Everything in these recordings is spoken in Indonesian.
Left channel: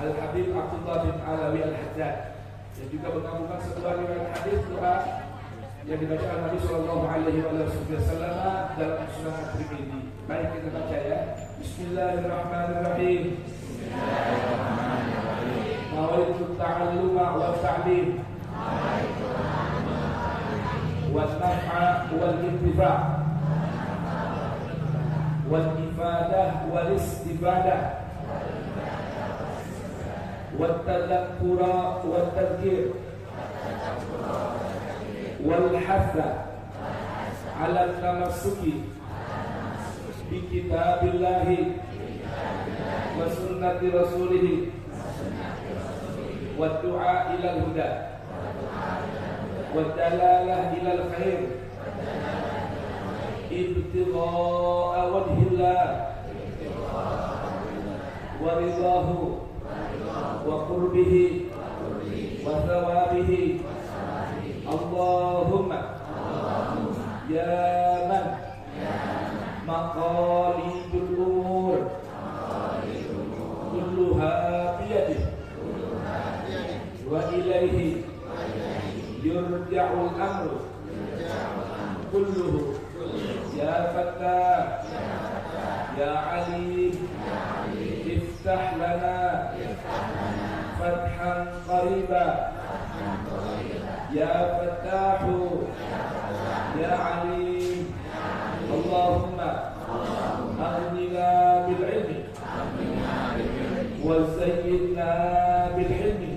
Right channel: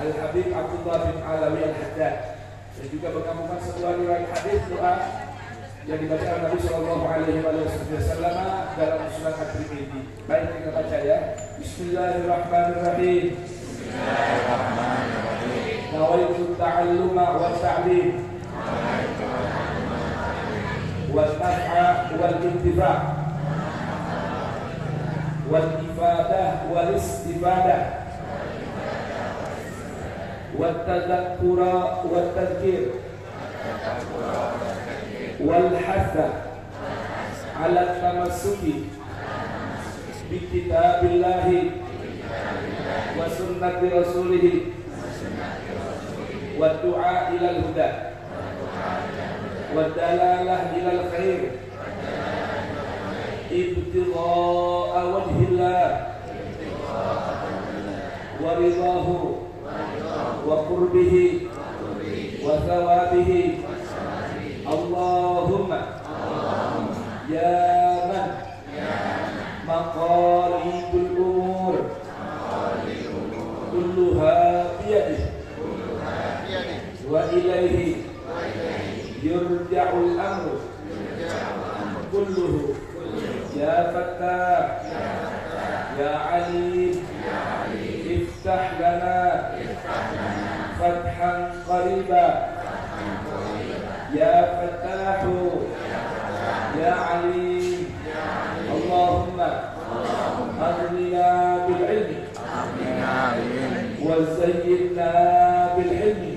Al-Habib Abdullah bin Alawi Al-Haddad, dan juga menggabungkan sebuah riwayat hadis doa yang dibaca oleh Nabi Sallallahu Alaihi Wasallam dalam Sunan At-Tirmidzi. Baik, kita baca ya. Bismillahirrahmanirrahim. Nawaitu ta'alluma wa ta'lim wal naf'a wal intifa' wal ifadah wal istifadah wal tadhakkura wal tadhkir wal hatha ala tamassuki bi kitabillahi wa sunnati rasulih wa du'a ila al-huda wa dalalah ila al-khair ibtigha'a wajhillah wa ridahu wa qurbihi wa thawabihi. Allahumma ya man maqalidul umur kulluha biyadihi wa ilaihi yurja'ul amru kulluhu ya fattah ya alim iftah lana fathan qariba ya fattahu ya alim. Allahumma aghnina bil ilmi wa zayyinna bil ilmi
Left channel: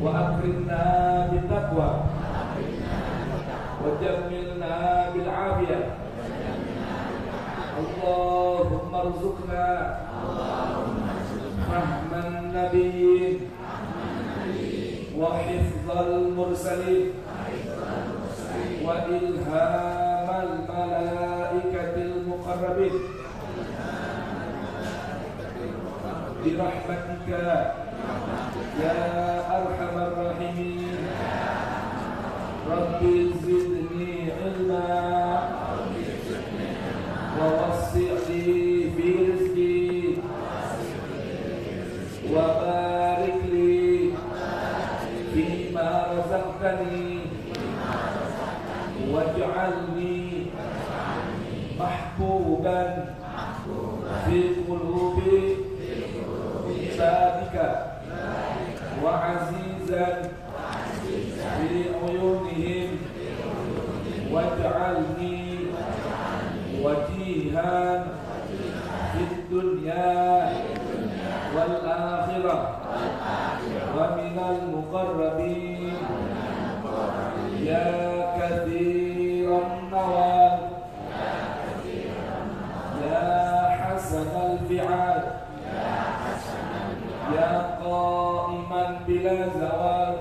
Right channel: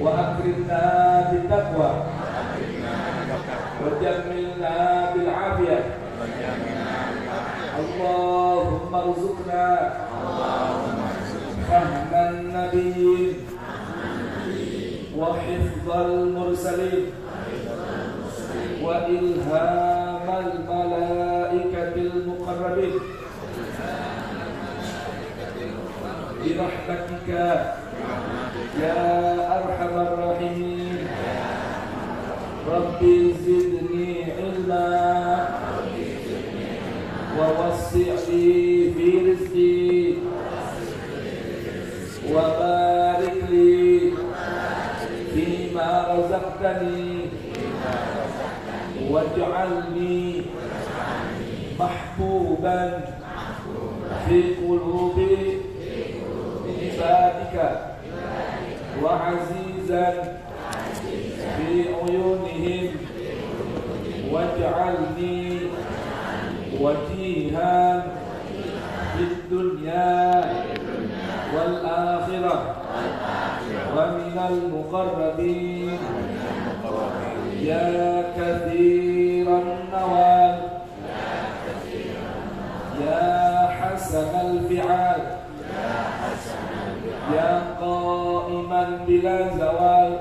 wa akrimna bit taqwa wa jammilna bil afiyah. Allahumma rzuqna fahman nabiyyin wa hifdzal mursalin wa ilhamal malaikatil muqarrabin bi rahmatika ya arhamar rahimin. Rabbi zidni ilma wa wasi' fi rizqi wa barik li fima razaqtani waj'alni mahbuban fi qulubi ibadika wa azizan fi uyunihim waj'alni wajihan fid dunya wal akhirah wa minal muqarrabin ya kathiran nawal ya hasanal fi'al ya qa'iman bila zawal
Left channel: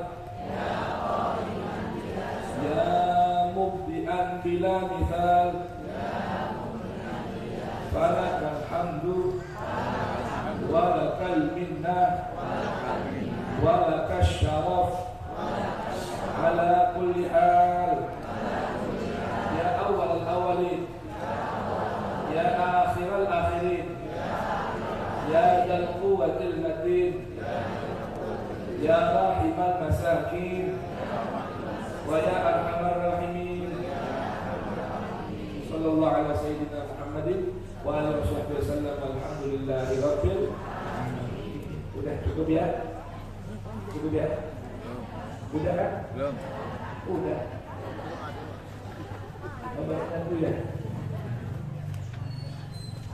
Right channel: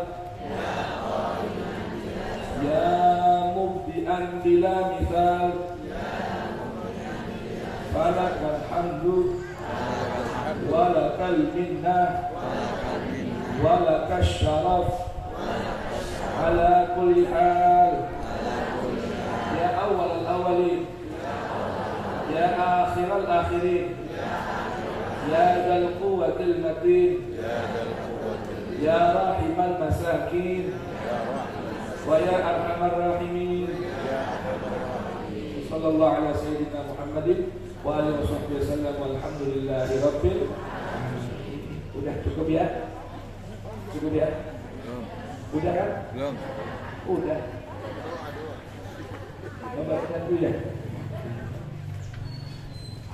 ya mubdi'an bila mithal falakal hamdu walakal minnah walakal syaraf ala kulli hal ya awal al-awwalin ya akhir al-akhirin ya dzal quwwatil matin ya rahimal masakin wa ya arhamar rahimin. Sallallahu ala sayyidina Muhammadin wa alihi wasallam walhamdulillahi rabbil alamin. Udah cukup ya? Cukup ya? Udah kan? Belum. Udah. Mudah-mudahan dulu ya.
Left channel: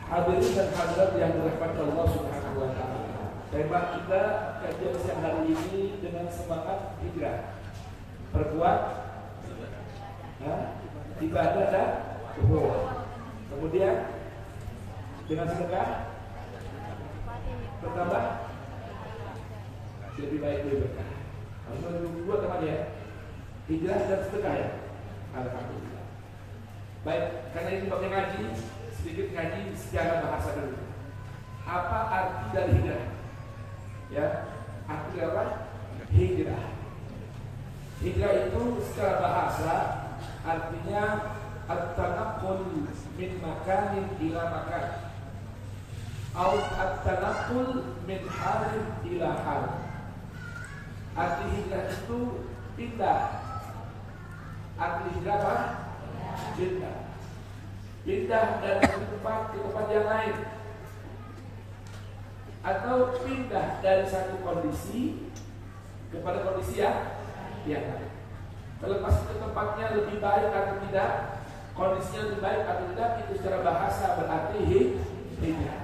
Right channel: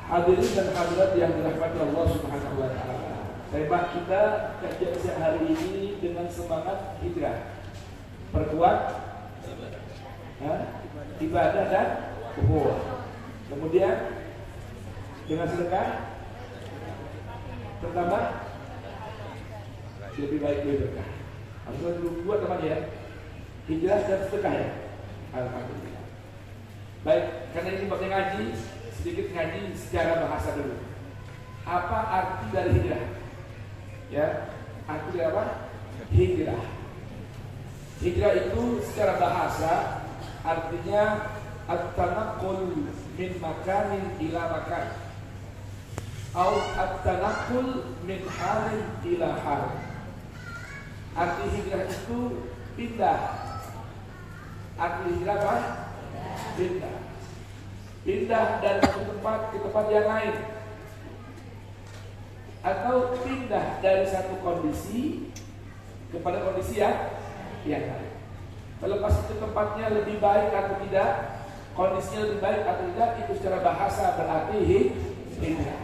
Hadirin dan hadirat yang dirahmati Allah Subhanahu wa taala. Tema kita kajian siang hari ini dengan semangat hijrah. Perkuat ibadah dan ukhuwah. Kemudian dengan sedekah bertambah lebih baik dari berkah. Harus dua teman ya, hijrah dan sedekah ya. Alhamdulillah. Baik, karena ini buatnya ngaji, sedikit ngaji secara bahasa dulu. Apa arti dari hijrah? Ya, arti dari apa? Hijrah. Hijrah itu secara bahasa artinya at-tanaqqul min makanin ila makan. au at-tanaqul min halin ila hal. Arti hijrah itu pindah. Arti hijrah apa? Pindah. Pindah dari satu tempat ke tempat yang lain, atau pindah dari satu kondisi kepada kondisi yang lain. Terlepas itu tempatnya lebih baik atau tidak, kondisinya lebih baik atau tidak, itu secara bahasa berarti hijrah.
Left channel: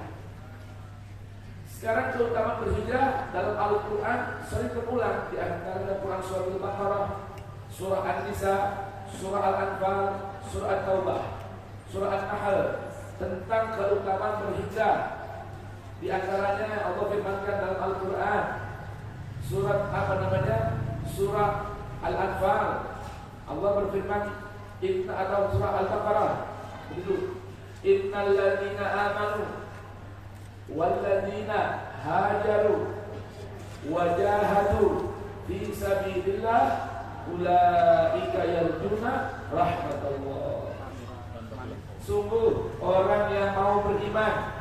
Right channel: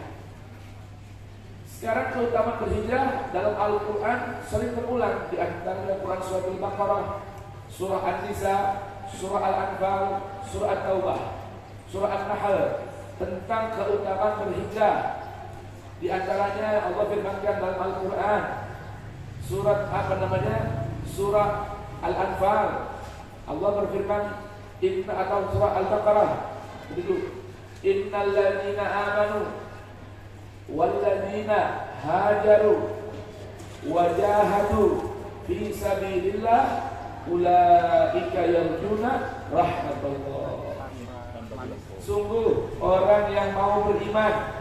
Sekarang keutamaan berhijrah dalam Al-Quran sering berulang, di antara Al-Quran surah Al-Baqarah, surah An-Nisa, surah Al-Anfal, surah At-Taubah, surah An-Nahl, tentang keutamaan berhijrah. Di antaranya Allah firmankan dalam Al-Quran surat surah Al-Anfal, Allah berfirman atau surah Al-Baqarah begitu, innal ladzina amanu wal ladzina hajaru wajahadu fi sabilillah ulaika yarjuna rahmatullah. Sungguh orang yang mau beriman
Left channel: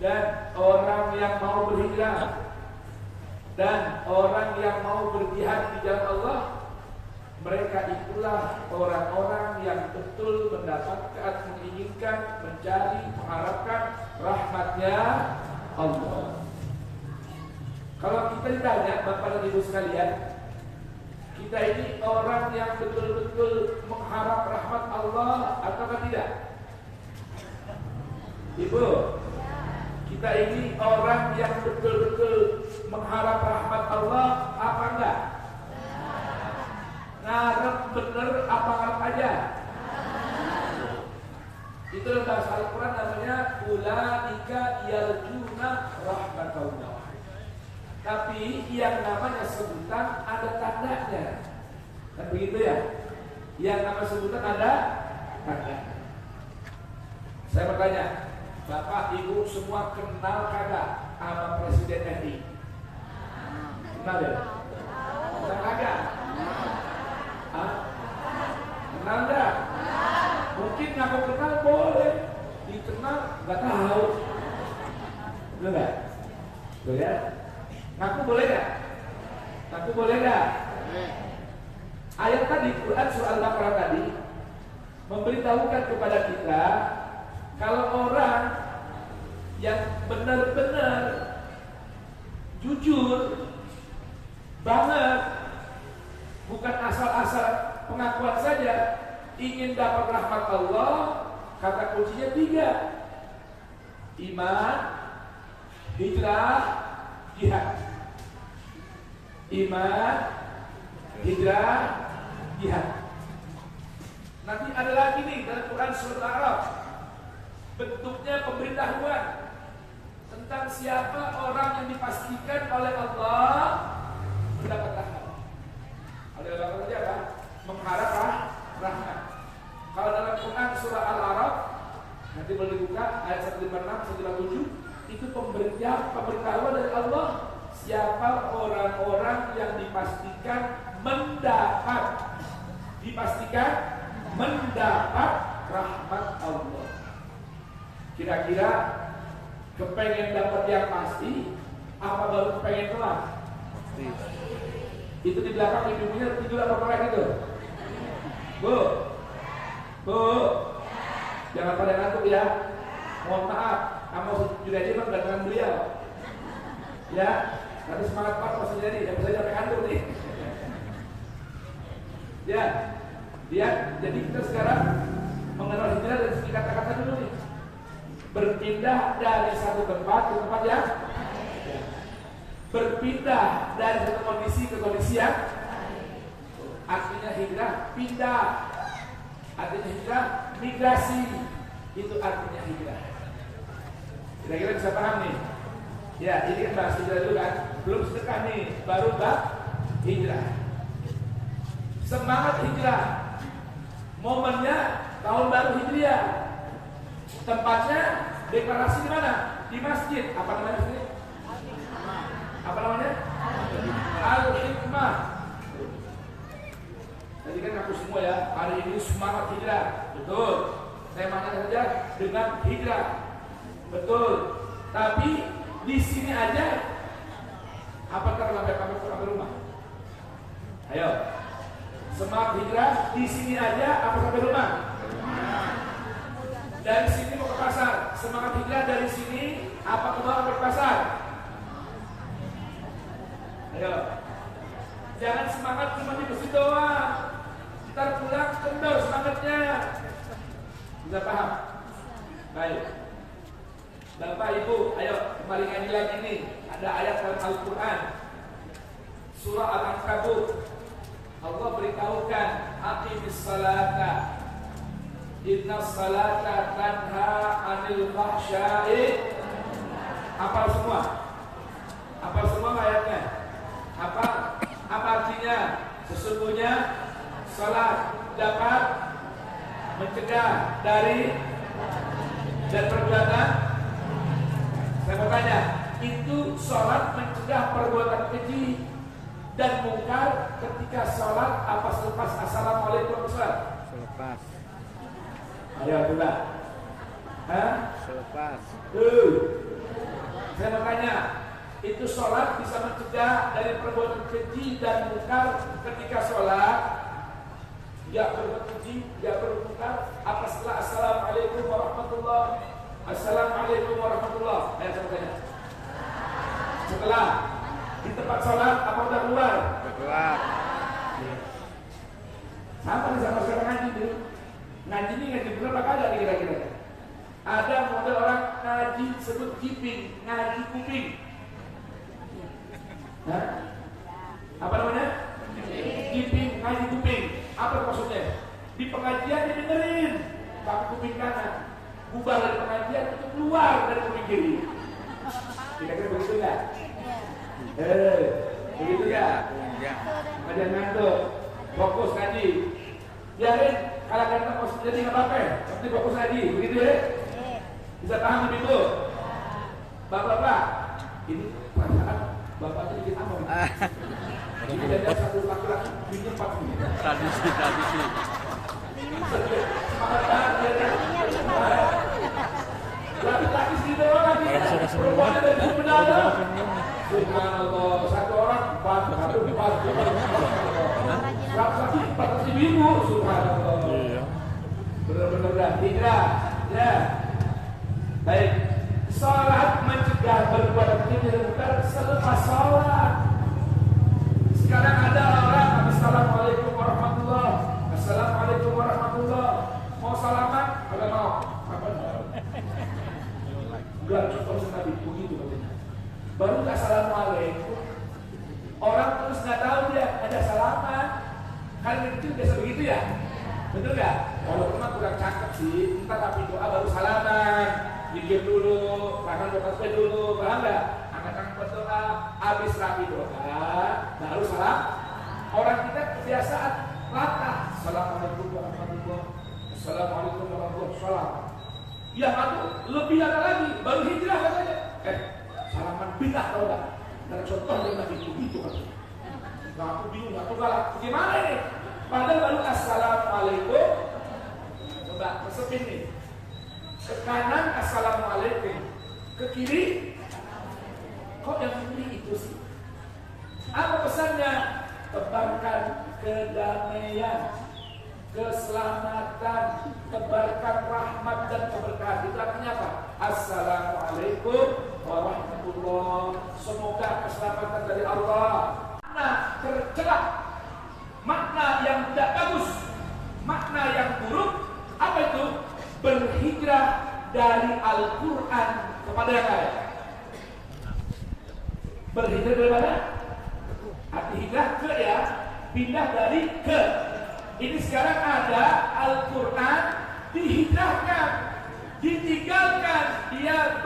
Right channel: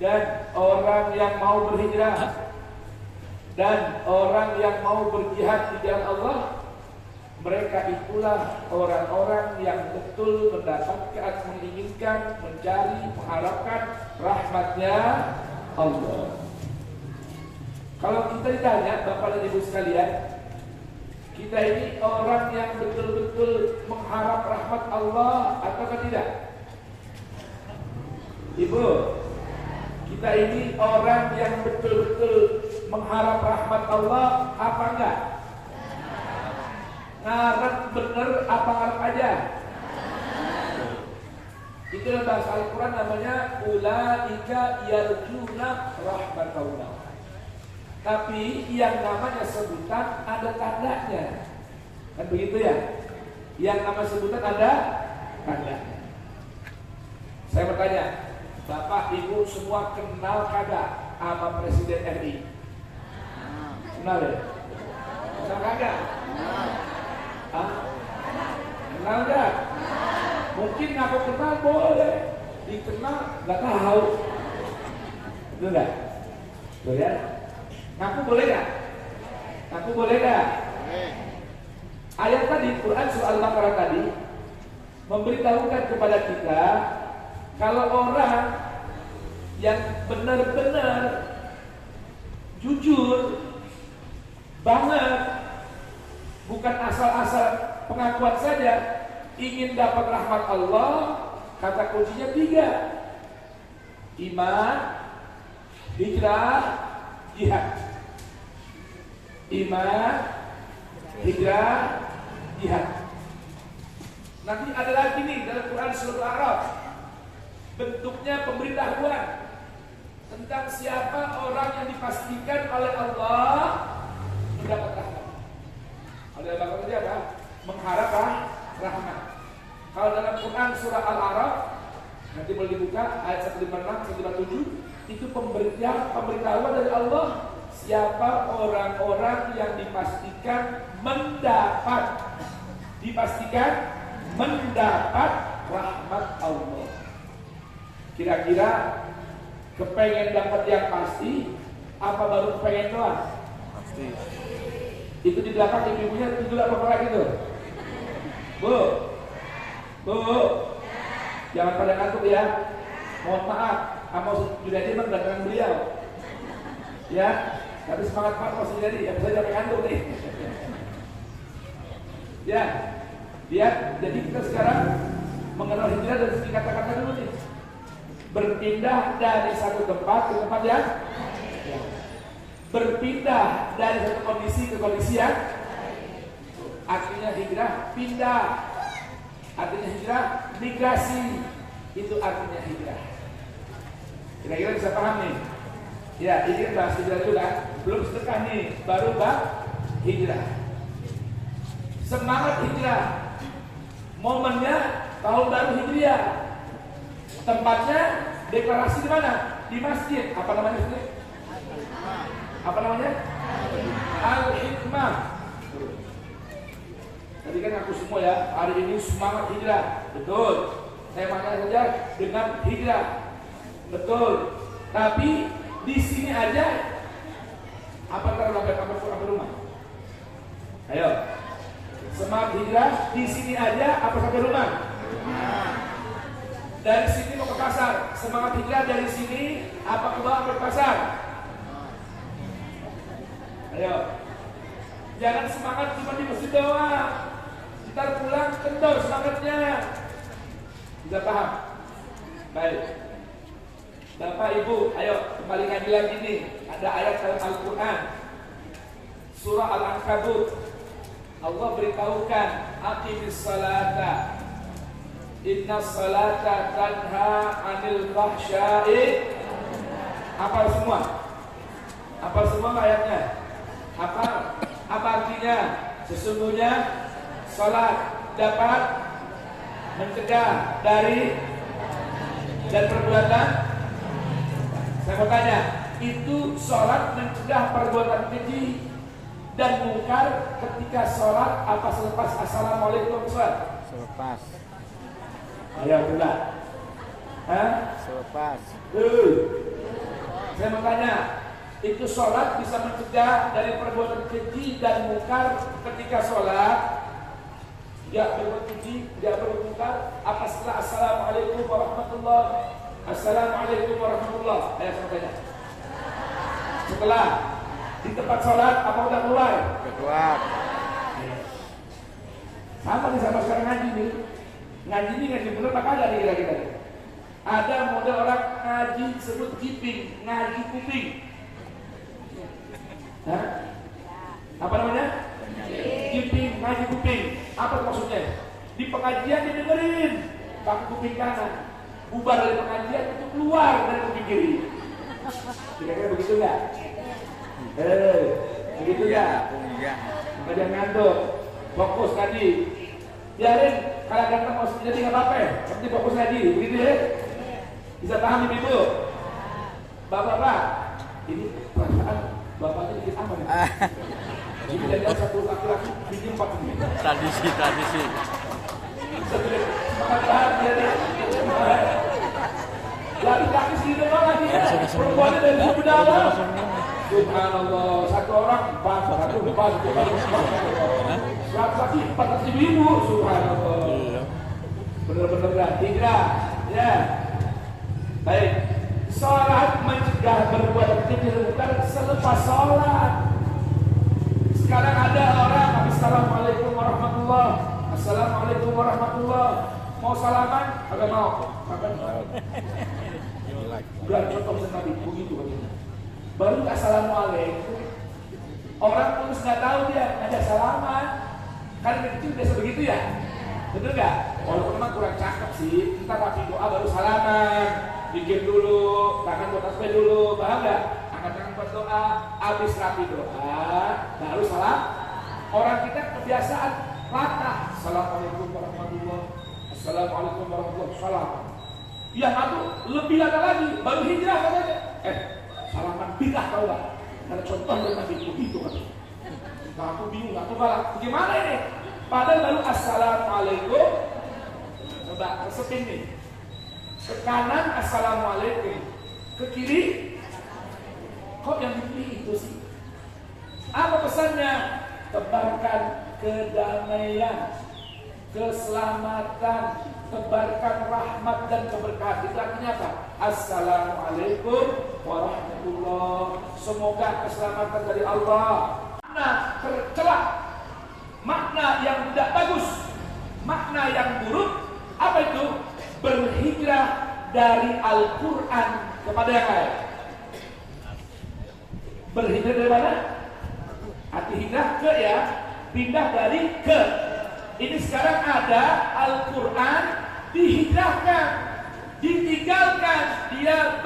dan orang yang mau berhijrah dan orang yang mau berjihad di jalan Allah, mereka itulah orang-orang yang betul mendapatkan, menginginkan, mencari, mengharapkan rahmatnya Allah. Kalau kita ditanya, Bapak dan Ibu sekalian, kita ini orang yang betul-betul mengharap rahmat Allah ataukah tidak? Ibu, kita ini orang yang betul-betul mengharap rahmat Allah apa enggak? Ngarep bener apa ngarep aja? Itu dalam bahasa Al-Quran namanya ulaika yarjuna rahmatullah. Tapi yang namanya sebutan ada tandanya, kan begitu ya? Yang nama sebutan ada tandanya. Saya bertanya, Bapak Ibu semua kenal kagak sama Presiden RI? Kenal ya? Kenal kagak? Hah? Kenal enggak? Mungkin ngaku kenal boleh, dikenal nggak tahu. Itu enggak? Boleh? Ngaku boleh nggak? Ngaku boleh nggak? Ayat tadi Quran surah Al-Baqarah tadi memberitahukan kepada kita kalau orang yang benar-benar jujur banget, bukan asal-asal pengakuan saja, ingin dapat rahmat Allah, kata kuncinya 3: iman, hijrah, jihad. Iman, hijrah, jihad. Nanti ada lagi nih dalam Quran surah Al-A'raf, bentuknya pemberitahuan tentang siapa orang yang dipastikan oleh Allah mendapat rahmat. Oleh Allah berarti apa? Mengharap rahmat. Kalau dalam Quran surah Al-A'raf, nanti boleh dibuka ayat 156, 157, itu pemberitahuan dari Allah siapa orang-orang yang dipastikan mendapat rahmat Allah. Kira-kira kepengen dapat yang pasti apa baru pengen doang? Pasti. Itu di belakang ibu-ibunya tidur apa mereka itu? Bu, jangan pada ngantuk ya. Mohon maaf, sama Junedi mah belakangan beliau. Ya, tapi semangat Pak masih jadi. Ya bisa sampai ngantuk nih. Ya, jadi kita sekarang mengenal hijrah dari segi kata-kata dulu nih. Berpindah dari satu tempat ke tempat yang berpindah dari satu kondisi ke kondisi yang artinya hijrah, pindah. Artinya hijrah, migrasi. Itu artinya hijrah. Kira-kira bisa paham nih? Ya, ini kan bahas hijrah itu kan belum sedekah nih, baru hijrah. Semangat hijrah. Momennya tahun baru hijriah. Tempatnya deklarasi di mana? Di masjid. Apa namanya masjid? Apa namanya? Al-Hikmah. Jadi kan aku semua ya, hari ini semangat hijrah. Betul. Saya maknanya saja dengan hijrah. Betul. Tapi di sini aja apa terlambat sampai rumah? Ayo. Semangat hijrah di sini aja apa sampai rumah? Dari sini mau ke pasar. Semangat hijrah dari sini apa ke bawah ke pasar? Ayo. Jangan semangat cuma di masjid doang. Ntar pulang kendor semangatnya. Sudah paham? Baik. Bapak Ibu, ayo kembali ngaji lagi nih. Ada ayat dalam Al-Quran, surah Al-Ankabut. Allah beritahukan, aqimis salata, inna salata tanha anil fahsya'i. Hafal semua? Hafal semua ayatnya? Apa artinya? Sesungguhnya salat dapat mencegah dari dan perbuatan. Saya mau tanya, itu sholat mencegah perbuatan keji dan mungkar ketika sholat apa selepas assalamualaikum Ustaz? Selepas. Ayo pula. Hah? Selepas. Saya mau tanya, itu sholat bisa mencegah dari perbuatan keji dan mungkar ketika sholat? Ya berbuat keji, ya berbuat mungkar. Apa setelah assalamualaikum warahmatullahi? Assalamualaikum warahmatullahi. Ayo saya tanya. Setelah di tempat sholat apa udah keluar? Udah keluar. Sama nih sama sekarang ngaji nih. Ngaji ini ngaji bener apa kagak nih kira-kira? Ada model orang ngaji sebut kiping, ngaji kuping. Hah? Apa namanya? Kiping, ngaji kuping. Apa maksudnya? Di pengajian didengerin pakai kuping kanan. Bubar dari pengajian itu keluar dari kuping kiri. Kira-kira begitu nggak? Begitu nggak? Ada ngantuk, fokus ngaji. Biarin kalau ganteng mau jadi nggak apa-apa. Nanti fokus ngaji, begitu ya? Bisa paham ibu? Bapak-bapak, ini perasaan bapaknya dikit aman. Jadi ada satu laki-laki, ini 4 ini. Tradisi. Semangat banget dia deh. Laki-laki sendiri lagi ya. Perempuannya dari suku dalam. Subhanallah. Satu orang 4, satu 4. 100 ribu. Subhanallah. Benar-benar ya. Hijrah. Ya. Baik. Salat mencegah berbuat keji dan mungkar selepas salat. Sekarang ada orang assalamualaikum warahmatullahi. Assalamualaikum warahmatullahi. Mau salaman? Agak mau. Bulan contoh Nabi begitu katanya. Baru nggak assalamualaikum. Orang terus nggak tahu dia ada salaman. Karena kecil biasa begitu ya. Betul nggak? Walaupun memang kurang cakep sih. Kita rapi doa baru salaman. Bikin dulu, tangan buat tasbih dulu, paham nggak? Angkat tangan buat doa, habis rapi doa, baru salam. Orang kita kebiasaan latah. Assalamualaikum warahmatullahi. Assalamualaikum warahmatullahi wabarakatuh. Yang satu lebih ada lagi, baru hijrah katanya. Salaman bidah tau gak? Ada contoh dari Nabi begitu katanya. Nah, aku bingung, aku galak. Bagaimana ini? Padahal baru assalamualaikum. Coba resepin nih. Ke kanan assalamualaikum, ke kiri kok yang dipilih itu sih? Apa pesannya? Tebarkan kedamaian, keselamatan, tebarkan rahmat dan keberkahan. Itu artinya apa? Assalamualaikum warahmatullahi. Semoga keselamatan dari Allah. Makna tercela, makna yang tidak bagus, makna yang buruk. Apa itu? Berhijrah dari Al-Quran kepada yang lain. Berhijrah dari mana? Arti hijrah ke ya, pindah dari ke. Ini sekarang ada Al-Quran dihijrahkan, ditinggalkan, dia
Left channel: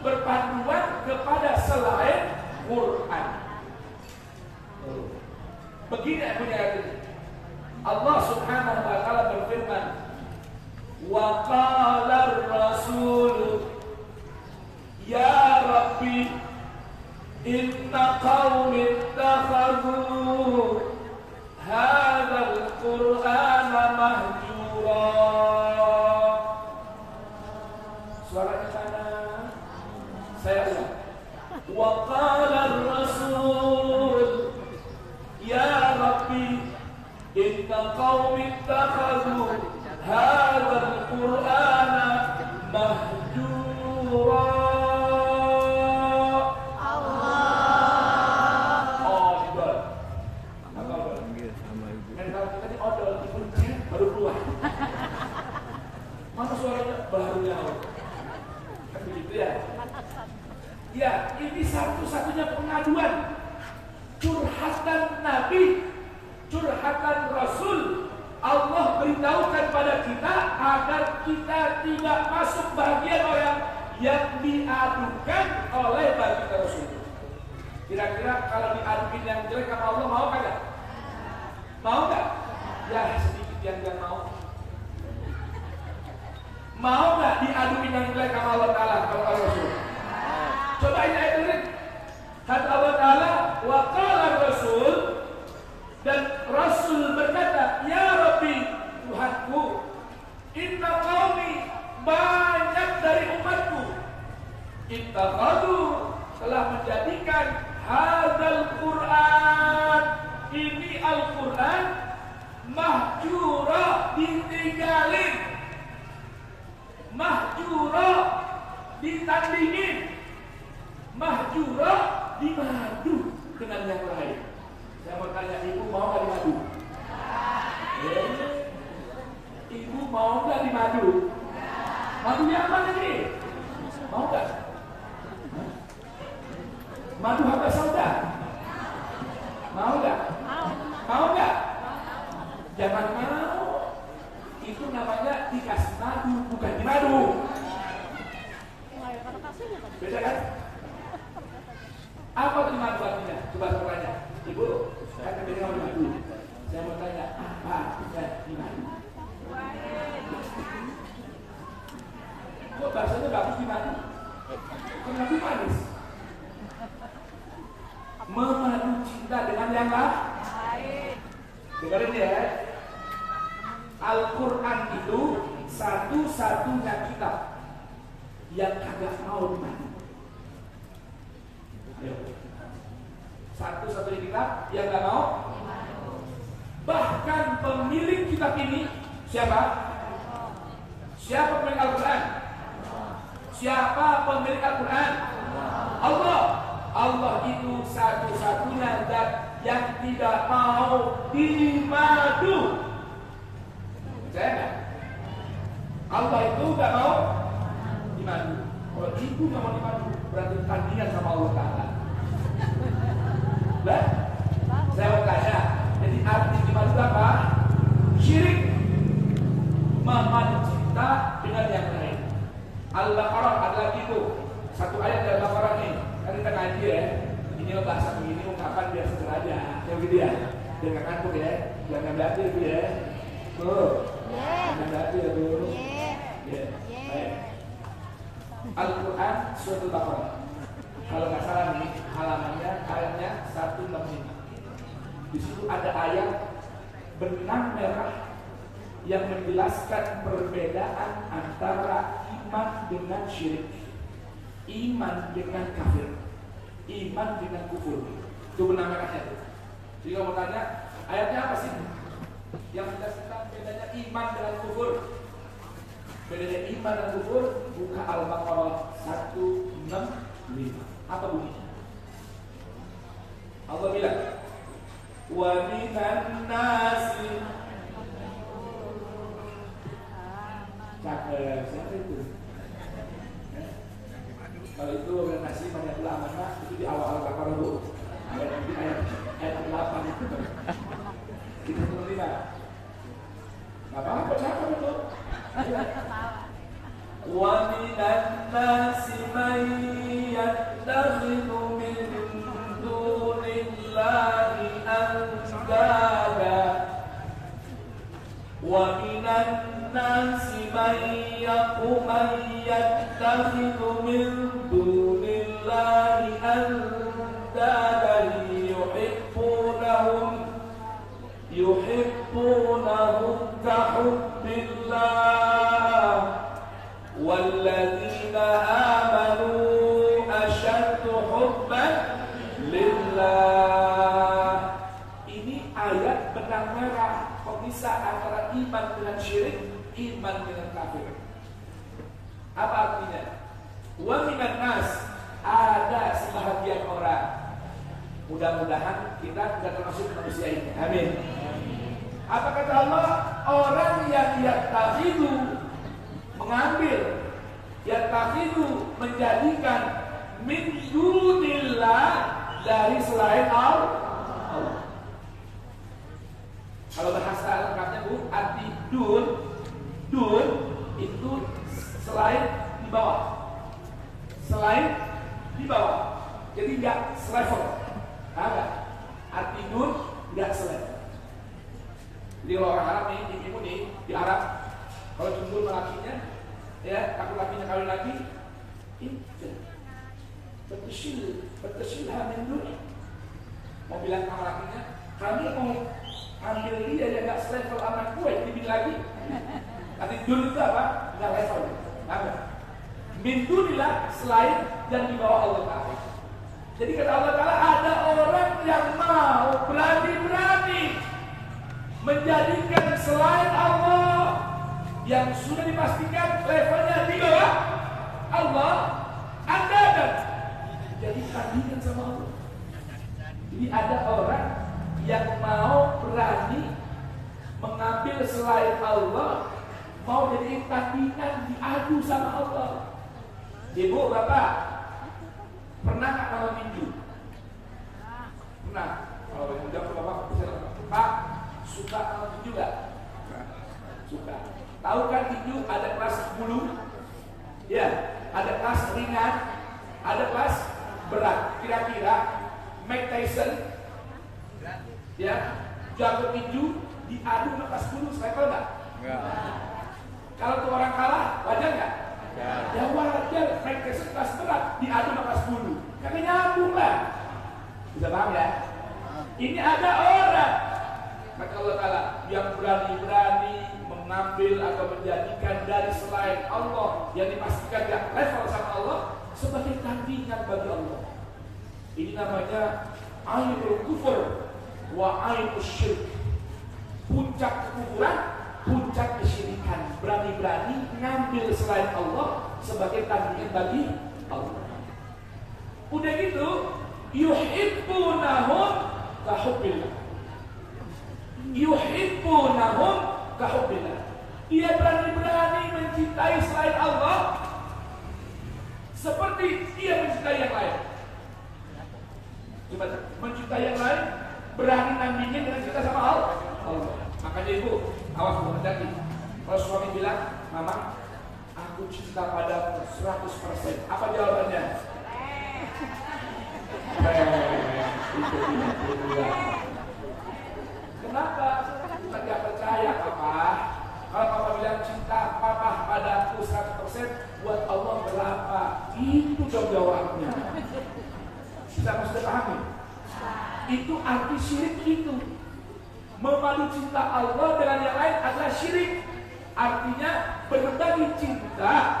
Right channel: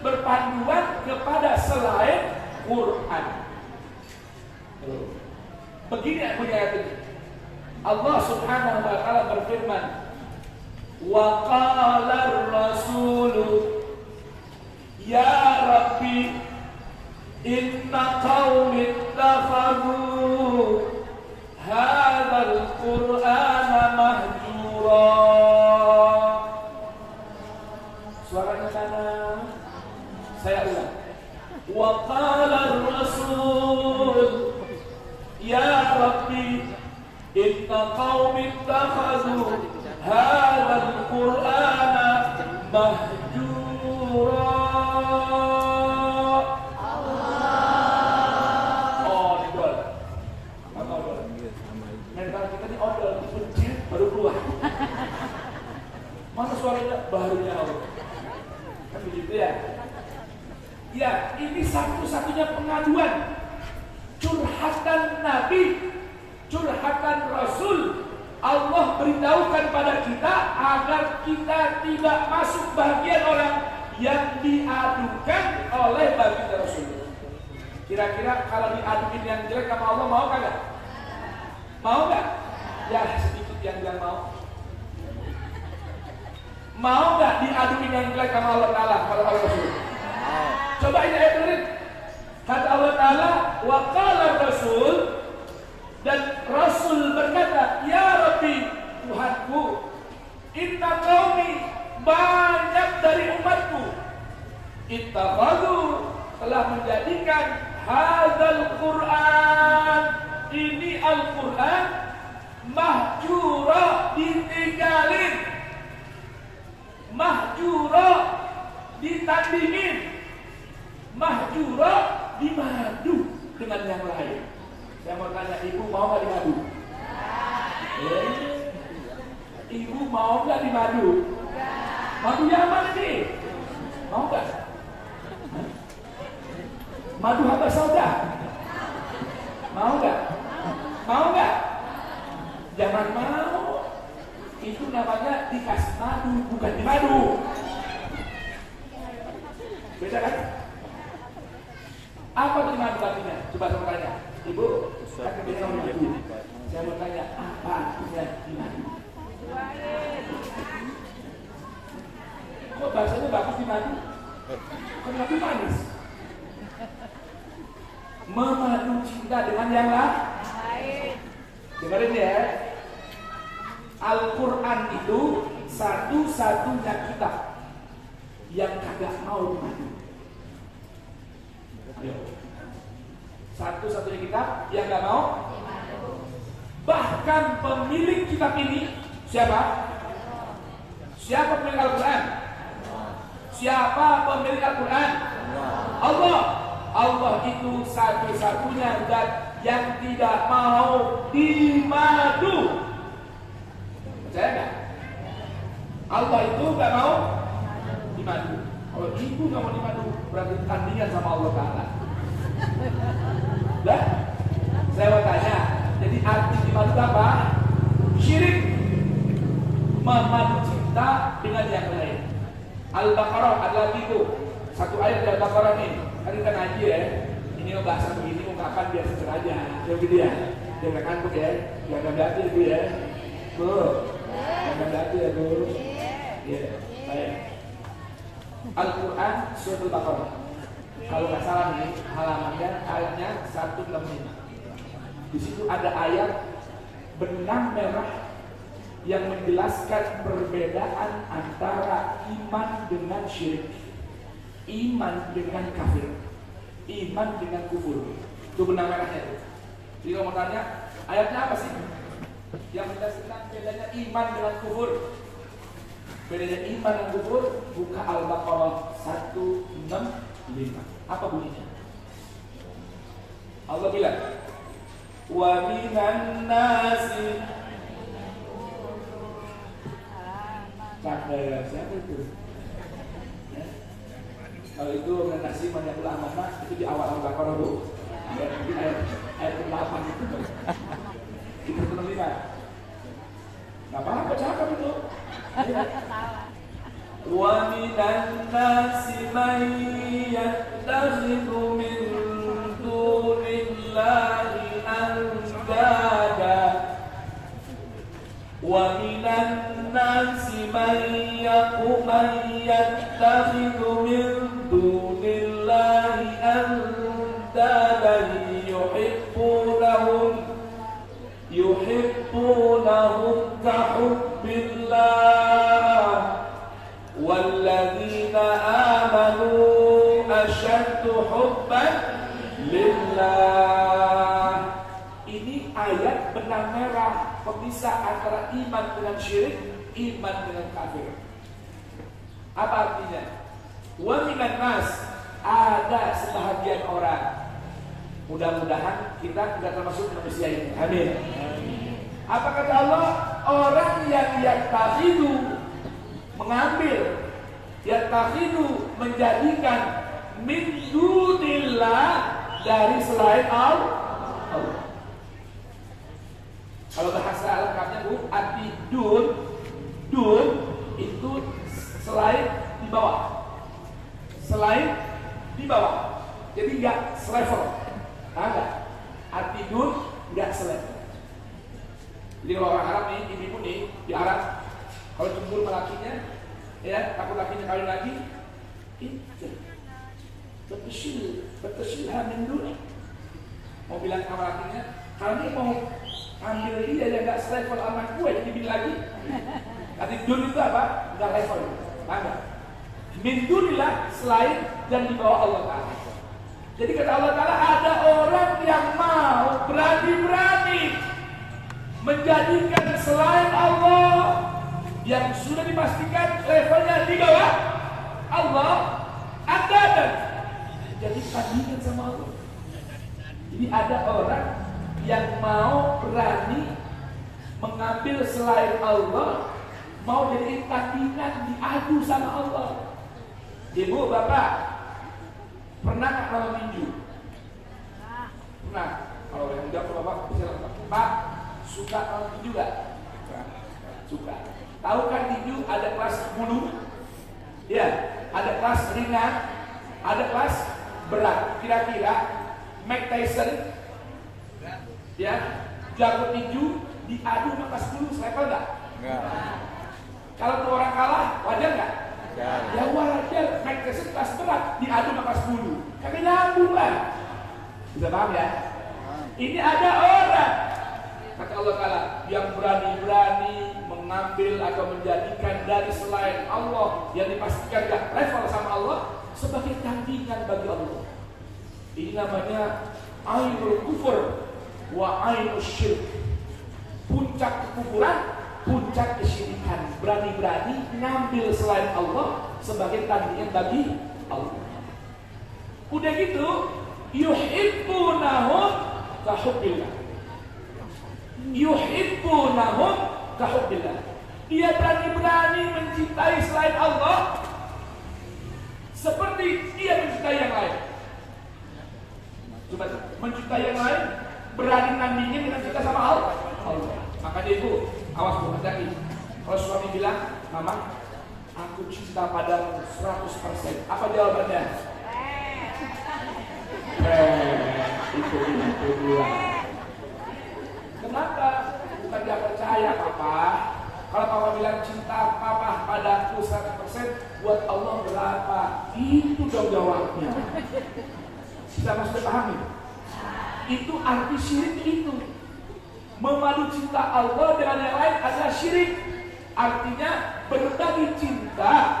berpanduan kepada selain Quran. Begini bunyi ayat ini. Allah Subhanahu wa taala berfirman, wa qala ar-rasul ya rabbi inna qaumi ittakhadhu hadzal qur'ana mahjura. Suaranya kanan. suaranya baru jauh. Kan begitu ya? Ya, ini satu-satunya pengaduan. Curhatan Nabi, curhatan Rasul. Allah beritahukan pada kita agar kita tidak masuk bagian orang yang diadukan oleh baginda Rasul. Kira-kira kalau diadukin yang jelek sama Allah mau kagak? Mau nggak? Ya sedikit yang bilang mau. Mau nggak diadukin yang jelek sama Allah Taala kepada Allah Rasul? Coba ini ayat tulis. Kata Allah Taala, wa qala Rasul, dan Rasul berkata, ya Rabbi, Tuhanku, inna qaumi, banyak dari umatku, ittakhadhu, telah menjadikan hadzal Quran, ini Al-Quran, mahjura, ditinggalin, mahjura, ditandingin, mahjura, dimadu dengan yang lain. Saya mau tanya, ibu mau nggak dimadu? Ibu mau nggak dimadu? Madu yang mana nih? Mau nggak? Madu habas sauda? Mau nggak? Mau nggak? Jangan mau. Itu namanya dikasih madu, bukan dimadu. Beda kan? Apa itu madu bakunya? Coba saya tanya. Ibu, kan biasa orang ibu. Saya mau tanya, apa artinya dimadu? Kok bahasanya bagus dimadu? Kenapa manis? Memadu cinta dengan yang lain. Dengerin ya. Al-Quran itu satu-satunya kitab yang kagak mau dimadu. Ayo. Satu-satunya kitab yang gak mau. Bahkan pemilik kitab ini siapa? Siapa pemilik Al-Quran? Siapa pemilik Al-Quran? Allah. Allah itu satu-satunya zat yang tidak mau dimadu. Percaya gak? Allah itu gak mau dimadu. Kalau ibu gak mau dimadu, berarti tandingan sama Allah Ta'ala. Nah, saya mau tanya, jadi arti dimadu apa? Syirik, memadu cinta dengan yang lain. Al-Baqarah adalah itu satu ayat dari Al-Baqarah ini. Kan kita ngaji ya, ini lo bahasa begini ungkapan biar seger aja, yang gitu ya. Jangan ngantuk ya, jangan berarti itu ya. Jangan berarti ya tuh. Ya, baik. Al-Quran surat Al-Baqarah. Kalau nggak salah nih halamannya, ayatnya 165. Di situ ada ayat benang merah yang menjelaskan perbedaan antara iman dengan syirik, iman dengan kafir, iman dengan kufur. Itu benang merahnya itu. Jadi kalau mau tanya, ayatnya apa sih? Yang menjelaskan bedanya iman dengan kufur. Bedanya iman dan kufur, buka Al-Baqarah 165. Apa bunyinya? Allah bilang, wa minan nasi. Siapa itu? Ya. Kalau itu minan nasi banyak ulama itu di awal Al-Baqarah bu. Ayat 8 itu. Kita terima. Gak apa-apa, cakap itu. Wa minan nasi man yattakhidhu min dunillahi andada wa minan nasi man yattakhidhu min dunillahi andada yuhibbunahum kahubbillah walladzina amanu asyaddu hubban lillah. Ini ayat benang merah pemisah antara iman dengan syirik, iman dengan kafir. Apa artinya? Wa minan nas, ada sebahagian orang. Mudah-mudahan kita tidak termasuk manusia ini. Amin. Apa kata Allah? Orang yang yattakhidhu mengambil, yattakhidhu menjadikan min dunillah dari selain Allah. Kalau bahasa lengkapnya Bu, arti dun itu selain di bawah. Selain di bawah. Jadi enggak selevel. Enggak. Arti dun enggak selevel. Jadi kalau orang Arab nih, ibu nih di Arab, kalau jemput lakinya, ya takut lakinya kawin lagi, itu betul min dun. Mau bilang sama lakinya, kami mau ambil dia yang enggak selevel anak gue, dibilang lagi. Nanti dun itu apa? Enggak level. Enggak. Min dunilah selain dan di bawah Allah Ta'ala. Jadi kata Allah Ta'ala, ada orang yang mau berani-berani menjadikan selain Allah yang sudah dipastikan levelnya di bawah Allah, Anda dan jadi tandingan sama Allah. Jadi ada orang yang mau berani mengambil selain Allah, mau jadi tandingan, diadu sama Allah. Ibu, Bapak, pernah nggak malam tinju? Pernah. Kalau enggak, Bapak bisa Pak, suka malam tinju nggak? Suka. Tahu kan tinju ada kelas bulu? Ya, ada kelas ringan, ada kelas berat. Kira-kira Mike Tyson, ya, jago tinju diadu sama kelas bulu, selevel nggak? Kalau tuh orang kalah, wajar nggak? Ya wajar, Mike Tyson kelas berat diadu sama kelas bulu. Kami nyambung lah. Bisa paham ya? Ini ada orang, kata Allah Ta'ala, yang berani-berani mengambil atau menjadikan dari selain Allah yang dipastikan gak level sama Allah sebagai tandingan bagi Allah. Ini namanya ainul kufur wa ainul syirk. Puncak kekufuran, puncak kesyirikan. Berani-berani ngambil selain Allah sebagai tandingan bagi Allah. Udah gitu, yuhibbunahum kahubbillah. Yuhibbunahum kahubbillah. Dia berani-berani mencintai selain Allah seperti dia mencintai yang lain. Coba mencintai yang lain, berani nandingin dengan cinta sama Allah. Makanya ibu, awas hati-hati. Kalau suami bilang, Mama, aku cinta padamu 100%. Apa jawabannya? Itu dia. Kenapa? Bukan dia percaya, Papa. Kalau Papa bilang cinta Papa padaku 100%, buat Allah berapa? Itu dong jawabnya. Bisa maksudnya pahami? Itu arti syirik itu. Memadu cinta Allah dengan yang lain adalah syirik. Artinya berbagi cinta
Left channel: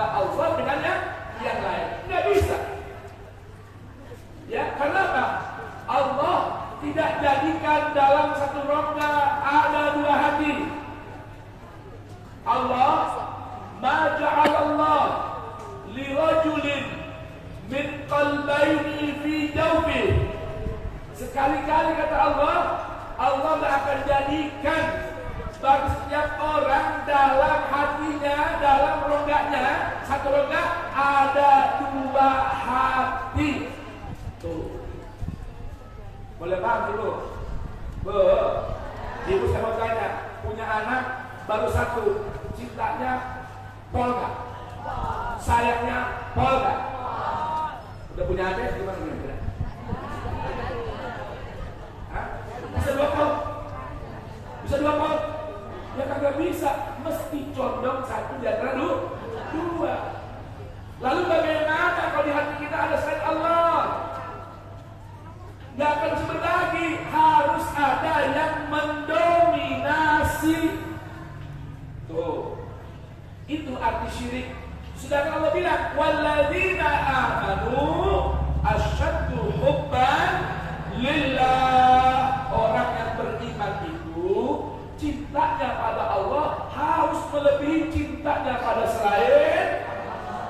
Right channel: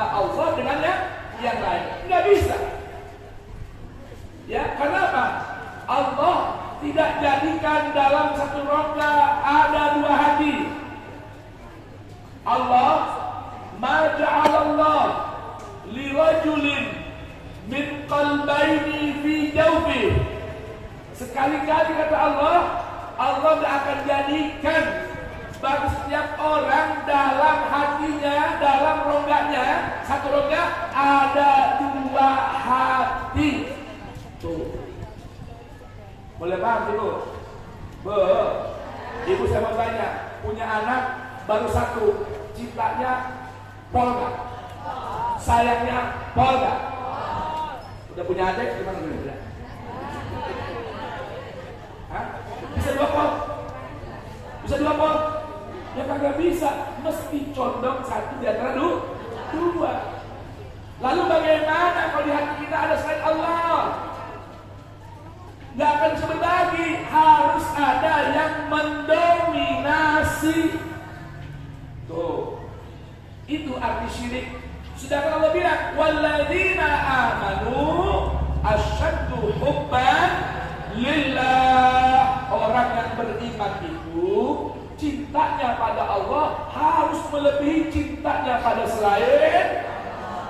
Allah dengan yang lain. Nggak bisa. Ya, kenapa? Allah tidak jadikan dalam satu rongga ada dua hati. Allah ma ja'alallah li rajulin min qalbayni fi jawfi. Sekali-kali kata Allah tidak akan jadikan bagi setiap orang dalam hatinya, dalam rongganya, satu rongga ada dua hati. Tuh. Boleh paham dulu? Ibu saya mau tanya, punya anak baru satu, cintanya pol gak? Sayangnya pol gak? Udah punya adik gimana kira-kira? Bisa dua pol? Bisa dua pol? Ya kagak bisa, mesti condong satu di antara dua. Lalu bagaimana kalau di hati kita ada selain Allah? Gak akan bisa berbagi, harus ada yang mendominasi. Tuh, itu arti syirik. Sedangkan Allah bilang, walladzina amanu asyaddu hubban lillah. Orang yang beriman itu cintanya pada Allah harus melebihi cintanya pada selain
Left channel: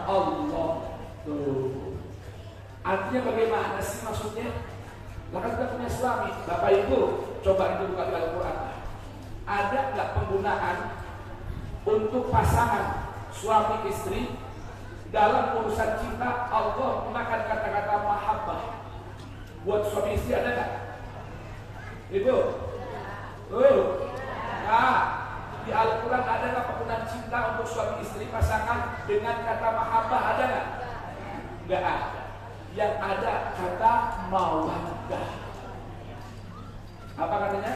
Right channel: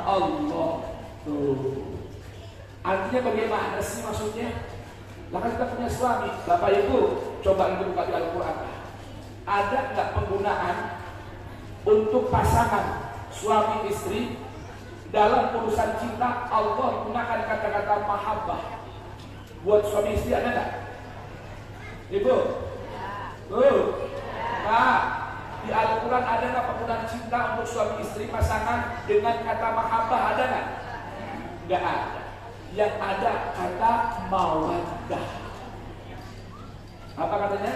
Allah. Tuh, artinya bagaimana sih maksudnya? Maka kita punya suami, Bapak Ibu, coba nanti buka di Al-Quran. Ada nggak penggunaan untuk pasangan suami istri dalam urusan cinta Allah gunakan kata-kata mahabbah. Buat suami istri ada nggak? Ibu? Nah, di Al-Quran ada nggak penggunaan cinta untuk suami istri pasangan dengan kata mahabbah, ada nggak? Nggak ada. Yang ada kata mawaddah. Apa katanya?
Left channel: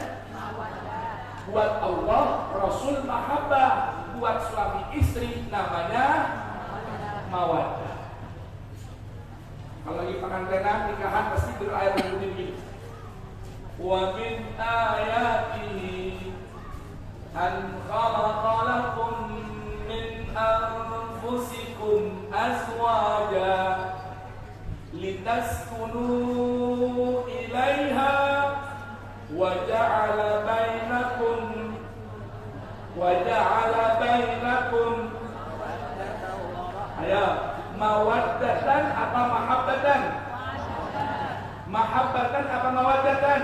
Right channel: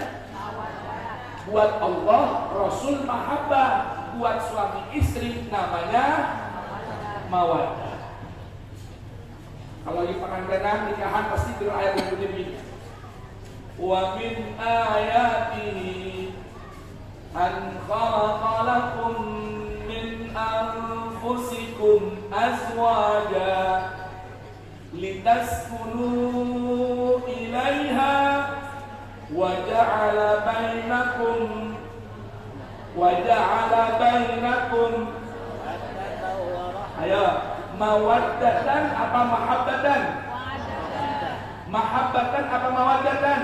Buat Allah Rasul mahabbah, buat suami istri namanya mawaddah. Kalau di pengantinan nikahan pasti berayat begini. Wa min ayatihi an khalaqa lakum min anfusikum azwaja litaskunu ilaiha wa ja'ala bainakum ayo mawaddatan apa mahabbatan? Mahabbatan apa mawaddatan?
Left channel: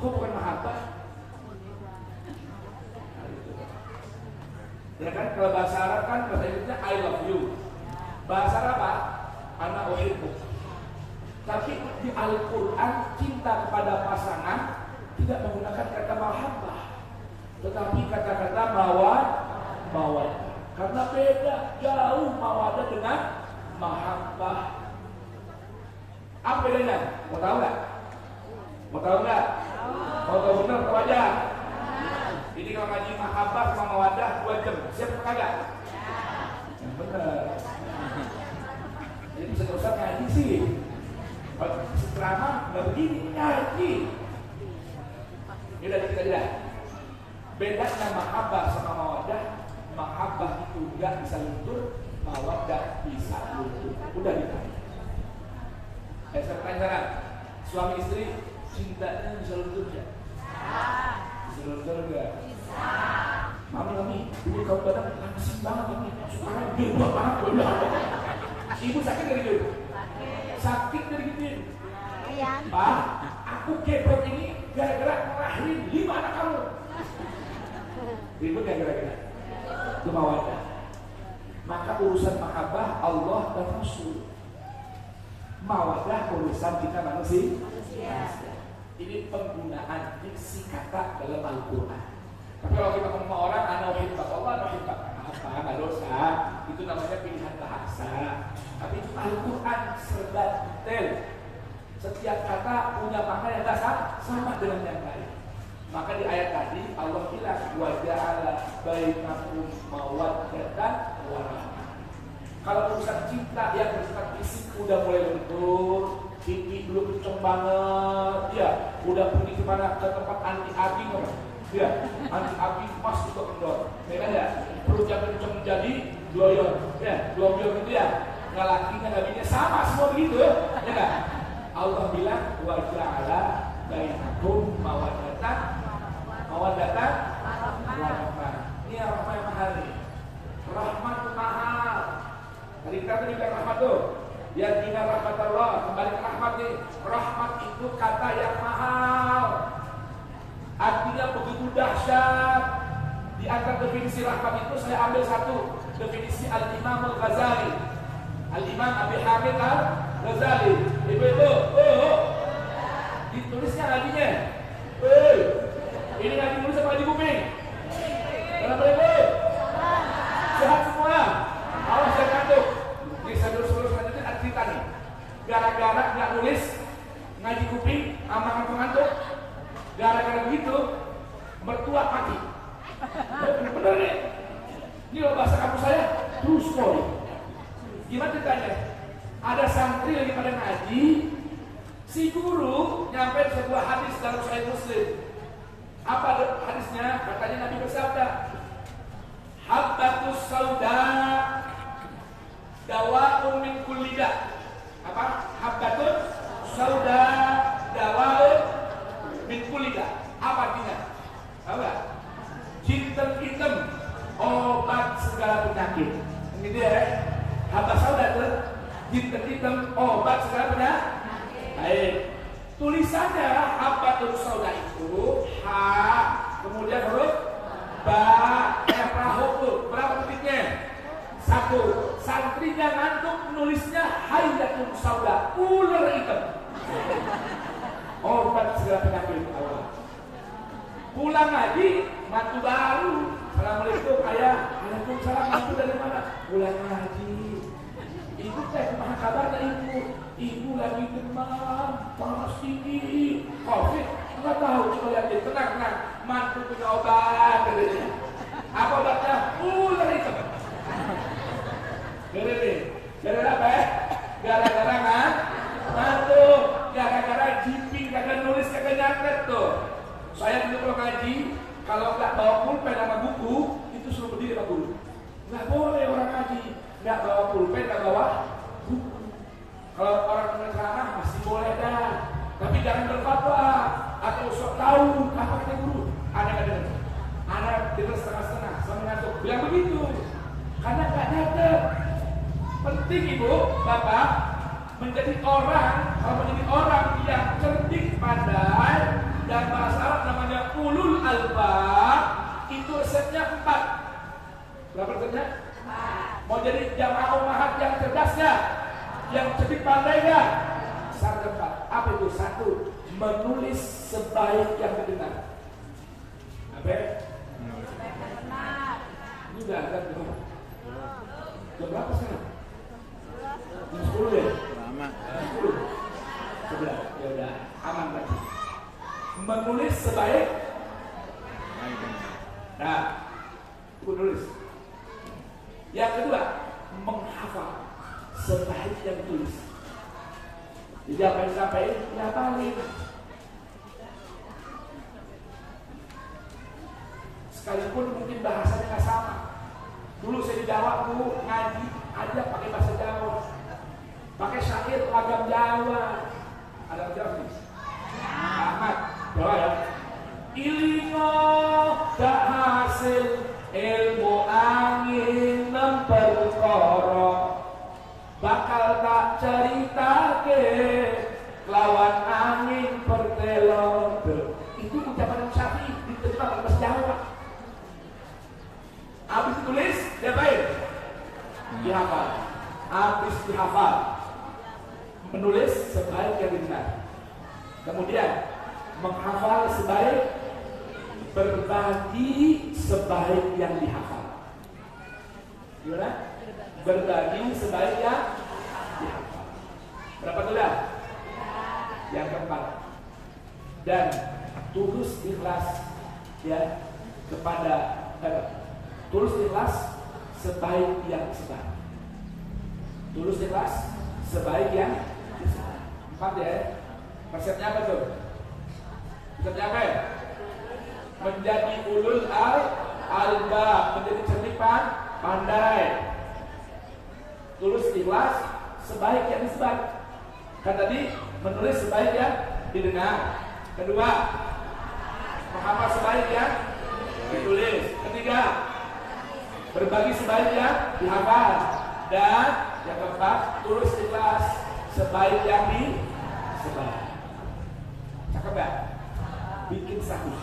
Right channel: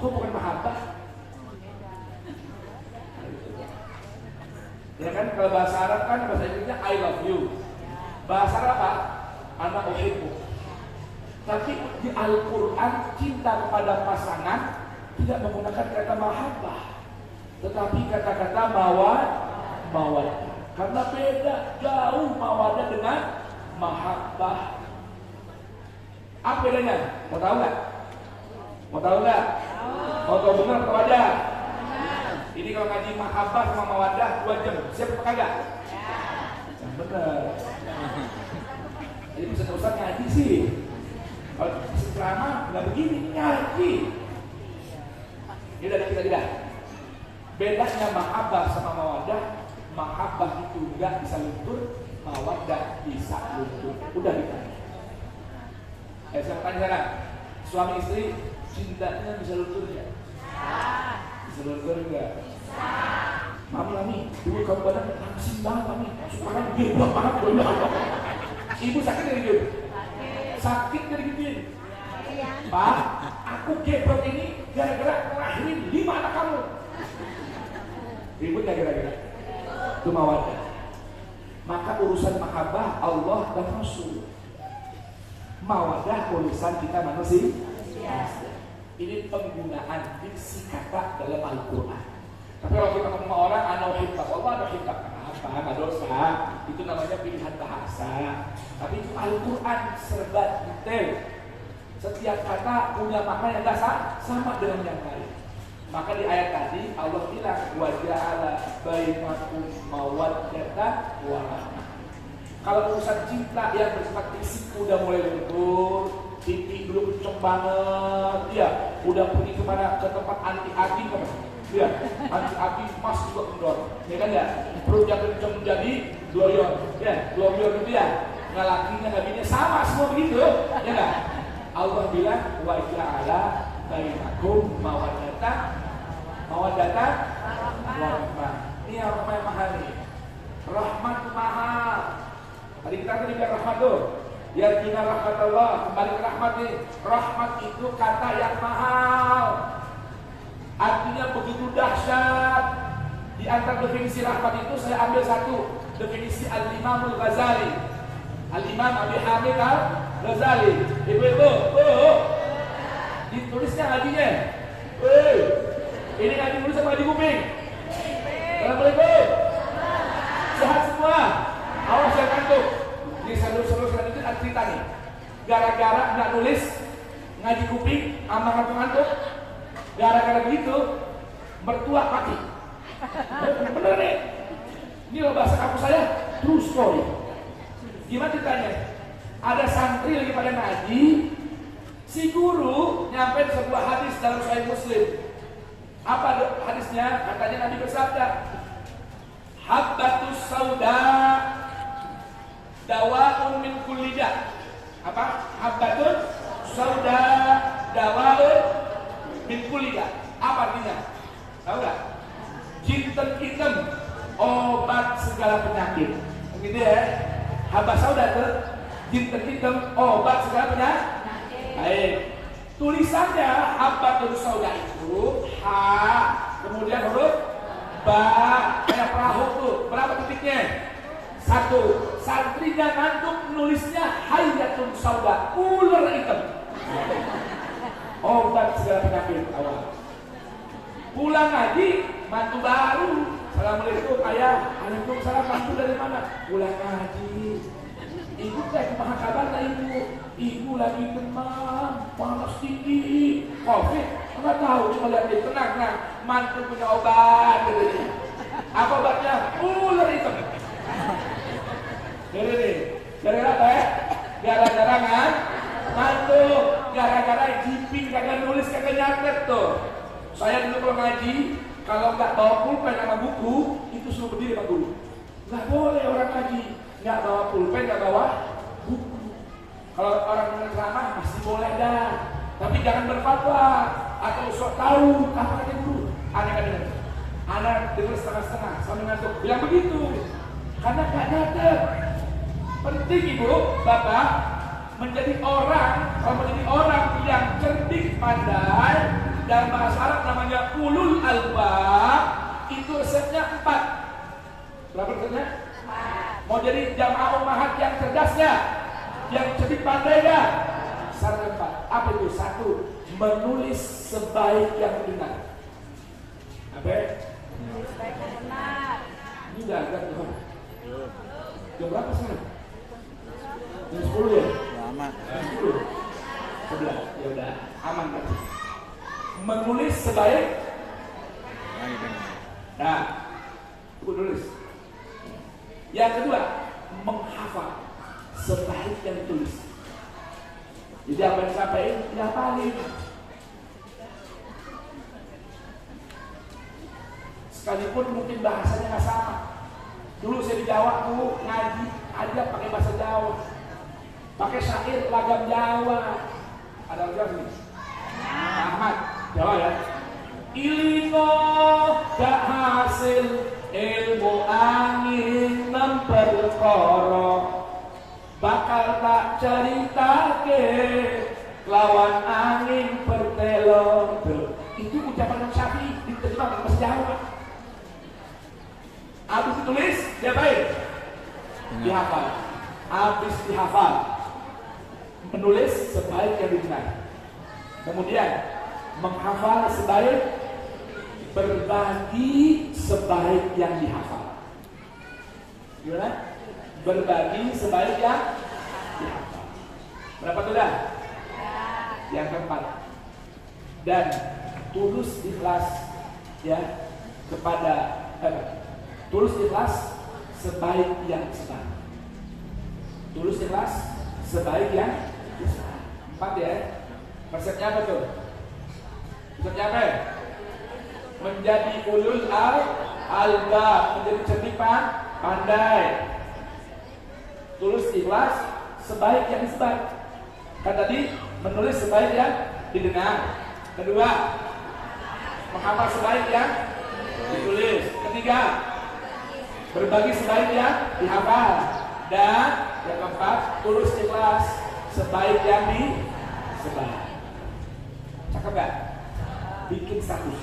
Kok bukan mahabbah? Ya kan, kalau bahasa Arab kan bahasa Inggrisnya I love you. Bahasa Arab apa? Ana uhibbu. Tapi di Al-Quran cinta kepada pasangan tidak menggunakan kata mahabbah, tetapi kata-kata mawaddah. Karena beda jauh mawaddah dengan mahabbah. Apa bedanya? Mau tahu nggak? Mau tahu nggak? Mau tahu benar atau ada? Ini kalau ngaji mahabbah sama mawaddah 2 jam. Siap apa kagak? Benar. Jadi bisa terusan ngaji sih. Kalau ceramah nggak begini ngaji. Kita tidak. Bedanya mahabbah sama mawaddah. Mahabbah itu nggak bisa luntur, mawaddah bisa luntur. Udah ditanya. Saya tanya sekarang, suami istri cintanya bisa luntur nggak? Bisa luntur nggak? Mami, dulu kamu badan langsing banget mami, suara gede banget. Ibu sakit dari gitu? Sakit dari gituin? Pak, aku gebrek ini gara-gara ngelahirin 5 anak kamu. Ribut ya gara-gara? Itu mawaddah. Maka urusan mahabbah Allah dan Rasul. Mawaddah urusan kita manusia. Ini penggunaan diksi kata dalam Al-Quran. Tapi kalau kita ngomong orang ana uhibbak, Allah ana uhibbak, apa nggak dosa, itu namanya pilihan bahasa. Tapi itu Al-Quran serba detail. Setiap kata punya makna yang dasar sama dengan yang lain. Maka di ayat tadi Allah bilang wa ja'ala bainakum mawaddatan wa rahmah. Kalau urusan cinta yang bersifat fisik udah mulai betul, pipi dulu kenceng banget, ya udah pergi kemana ke tempat anti api kemana, ya anti api mas juga kendor, ya kan ya, perut jatuh kenceng jadi gloyor, ya gloyor gitu ya, nggak lakinya nggak bininya sama semua begitu, ya kan? Allah bilang wa ja'ala bainakum mawaddatan wa rahmah. Ini apa yang mahal nih? Rahmat mahal. Tadi kita tadi biar rahmat tuh. Biar kita rahmat Allah, kembali ke rahmat nih. Rahmat itu kata yang mahal. Artinya begitu dahsyat. Di antara definisi rahmat itu saya ambil satu, definisi Al-Imam Al-Ghazali. Al-Imam Abi Hamid Al-Ghazali. Ibu-ibu, ditulisnya ngajinya. Ini ngaji tulis apa ngaji kuping? Ibu-ibu, sehat semua. Awas jangan ngantuk. Ini seluruh itu ada cerita nih. Gara-gara nggak nulis ngaji kuping, sama ngantuk-ngantuk. Gara-gara begitu, mertua mati. Bener nih. Ini loh bahasa kampus saya, true story. Gimana ceritanya? Ada santri lagi pada ngaji, si guru nyampe sebuah hadis dalam Sahih Muslim. Apa hadisnya? Katanya Nabi bersabda, habbatus sauda dawaun min kulli da. Apa? Habbatus sauda dawaun min kulli da. Apa artinya? Tahu enggak? Jinten hitam obat segala penyakit. Begitu ya. Habbat sauda itu jinten hitam obat segala penyakit. Baik. Tulisannya habbatus sauda itu ha, kemudian huruf ba, yang Satu, santrinya ngantuk nulisnya hayatun sauda, ular hitam. Obat segala penyakit awal. Pulang ngaji, mantu baru. Assalamualaikum ayah. Waalaikumsalam, mantu dari mana? Pulang ngaji. Ibu teh kumaha kabarna ibu? Ibu lagi demam, panas tinggi, COVID. Enggak tahu, cuma lihat dia tenang. Nah, mantu punya obat. Apa obatnya? Ular hitam. Gara-gara apa ya? Gara-gara kan? Mantu, gara-gara jimping, kagak nulis, kagak nyatet tuh. Saya dulu kalau ngaji, kalau nggak bawa pulpen sama buku, itu suruh berdiri Pak Guru. Nggak boleh orang ngaji, nggak bawa pulpen, nggak bawa buku. Kalau orang dengar ceramah pasti boleh dah, tapi jangan berfatwa atau sok tahu apa kata guru. Anak dengar, anak dengar setengah-setengah, sambil ngantuk. Bilang begitu, karena nggak nyatet. Penting ibu, bapak menjadi orang, kalau menjadi orang yang cerdik, pandai. Dan bahasa Arab namanya ulul albab. Itu resepnya 4. Berapa resepnya? 4. Mau jadi jamaah ummahat yang cerdasnya, yang cerdik pandai ya. Syarat 4. Apa itu? 1. Menulis sebaik yang benar. Apa? Menulis sebaik yang benar. Ini udah agak berapa? Jam berapa sekarang? Jam 10 ya? Lama. Jam 10. 11. Ya udah, aman tadi. Menulis sebaik. Nah, aku tulis. Yang kedua, menghafal sebaik yang tulis. Jadi apa yang disampaikan dihafalin. Sekalipun mungkin bahasanya nggak sama. Dulu saya di Jawa bu ngaji aja pakai bahasa Jawa, pakai syair lagam Jawa. Ada Jawa nih. Ahmad Jawa ya. Ilingo gak hasil ilmu angin memperkoro, bakal tak cerita ke lawan angin pertelor. Itu ucapan Syafi'i diterjemahkan bahasa Jawa. Habis ditulis diapain? Dihafal. Habis dihafal, menulis sebaik yang didengar. Kemudian menghafal sebaik, berbagi sebaik yang dihafal. Gimana? Berbagi sebaik yang dihafal. Berapa tuh dah? Yang keempat. Dan tulus ikhlas ya kepada tulus ikhlas sebaik yang disebar. Tulus ikhlas sebaik yang disebar. 4 ya. Resepnya apa tuh? Resepnya apa? Menjadi ulul albab, menjadi cerdik pandai. Tulus ikhlas sebaik yang disebar. Kan tadi menulis sebaik yang didengar. Kedua, menghafal sebaik yang ditulis. Ketiga, berbagi sebaik yang dihafal. Dan yang keempat, tulus ikhlas sebaik yang disebar. Cakep gak? Bikin status.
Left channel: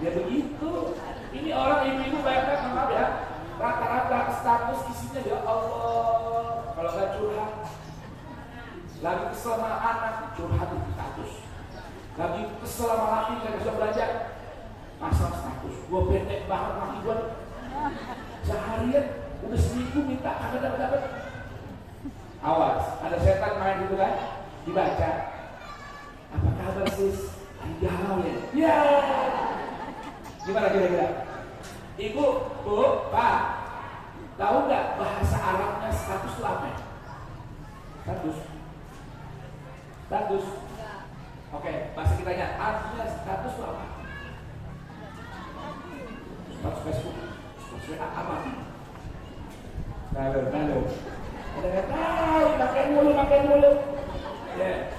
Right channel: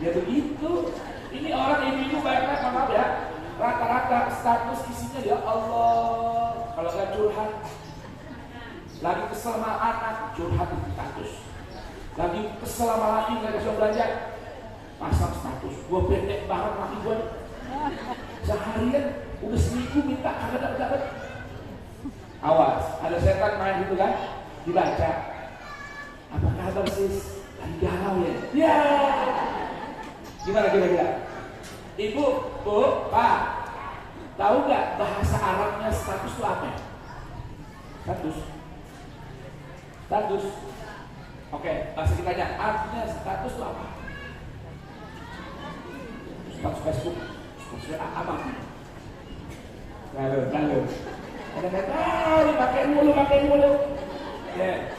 Ya begitu. Ini orang ibu-ibu banyak, maaf ya, rata-rata status isinya ya Allah. Kalau gak curhat, lagi kesel sama anak, curhat di status. Lagi kesel sama laki, gak bisa belajar, pasang status. Gua pendek banget laki gua. Seharian udah seminggu minta kagak dapat. Awas, ada setan main gitu kan, dibaca. Apa kabar sis? Lagi galau ya? Ya. Gimana kira-kira? Ibu, bu, pak, tahu nggak bahasa Arabnya status itu apa? Status. Oke, bahasa kitanya artinya status itu apa? Status Facebook, status apa? Lalu. Ada nggak tahu? Pakai mulu. Ya.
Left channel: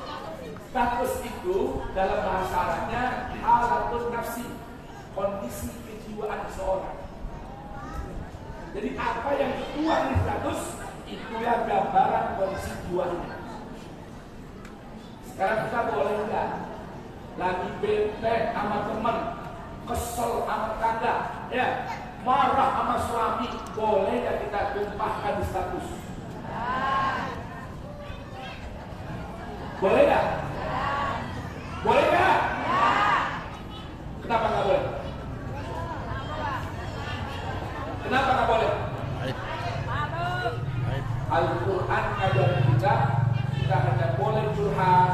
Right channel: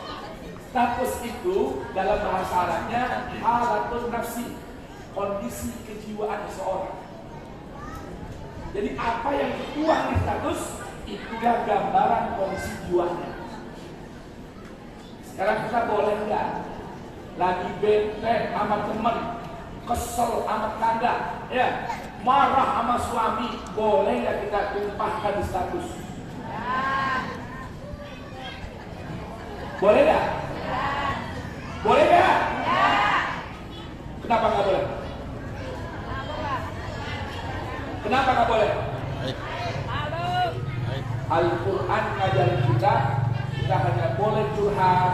Status itu dalam bahasa Arabnya halatul nafsi, kondisi kejiwaan seseorang. Jadi apa yang tertuang di status itulah gambaran kondisi jiwanya. Sekarang kita boleh nggak lagi bete sama temen, kesel sama tetangga, ya, marah sama suami, boleh nggak kita tumpahkan di status? Boleh nggak? Boleh nggak? Kenapa nggak boleh? Kenapa nggak boleh? Al-Quran ngajarin kita hanya boleh curhat.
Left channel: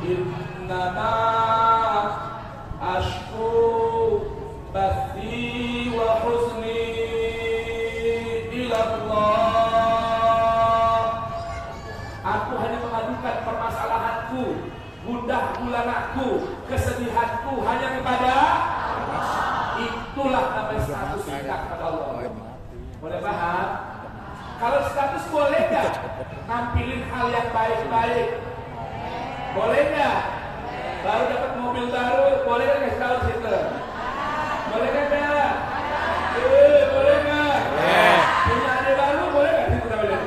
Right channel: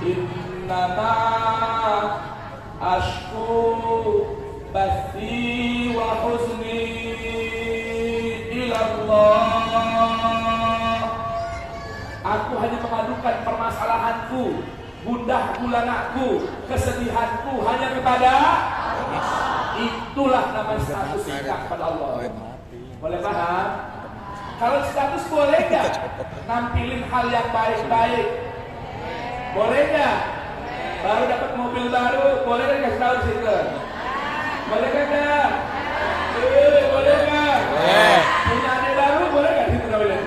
Innama ashku bathi wa huzni ila Allah. Aku hanya mengadukan permasalahanku, gundah gulanaku, kesedihanku hanya kepada Allah. Itulah nama status kita kepada Allah. Boleh paham? Kalau status boleh nggak nampilin hal yang baik-baik? Boleh nggak? Baru dapat mobil baru, boleh nggak kasih tahu situ? Boleh nggak? Boleh nggak? Punya adik baru, boleh nggak situ? Boleh.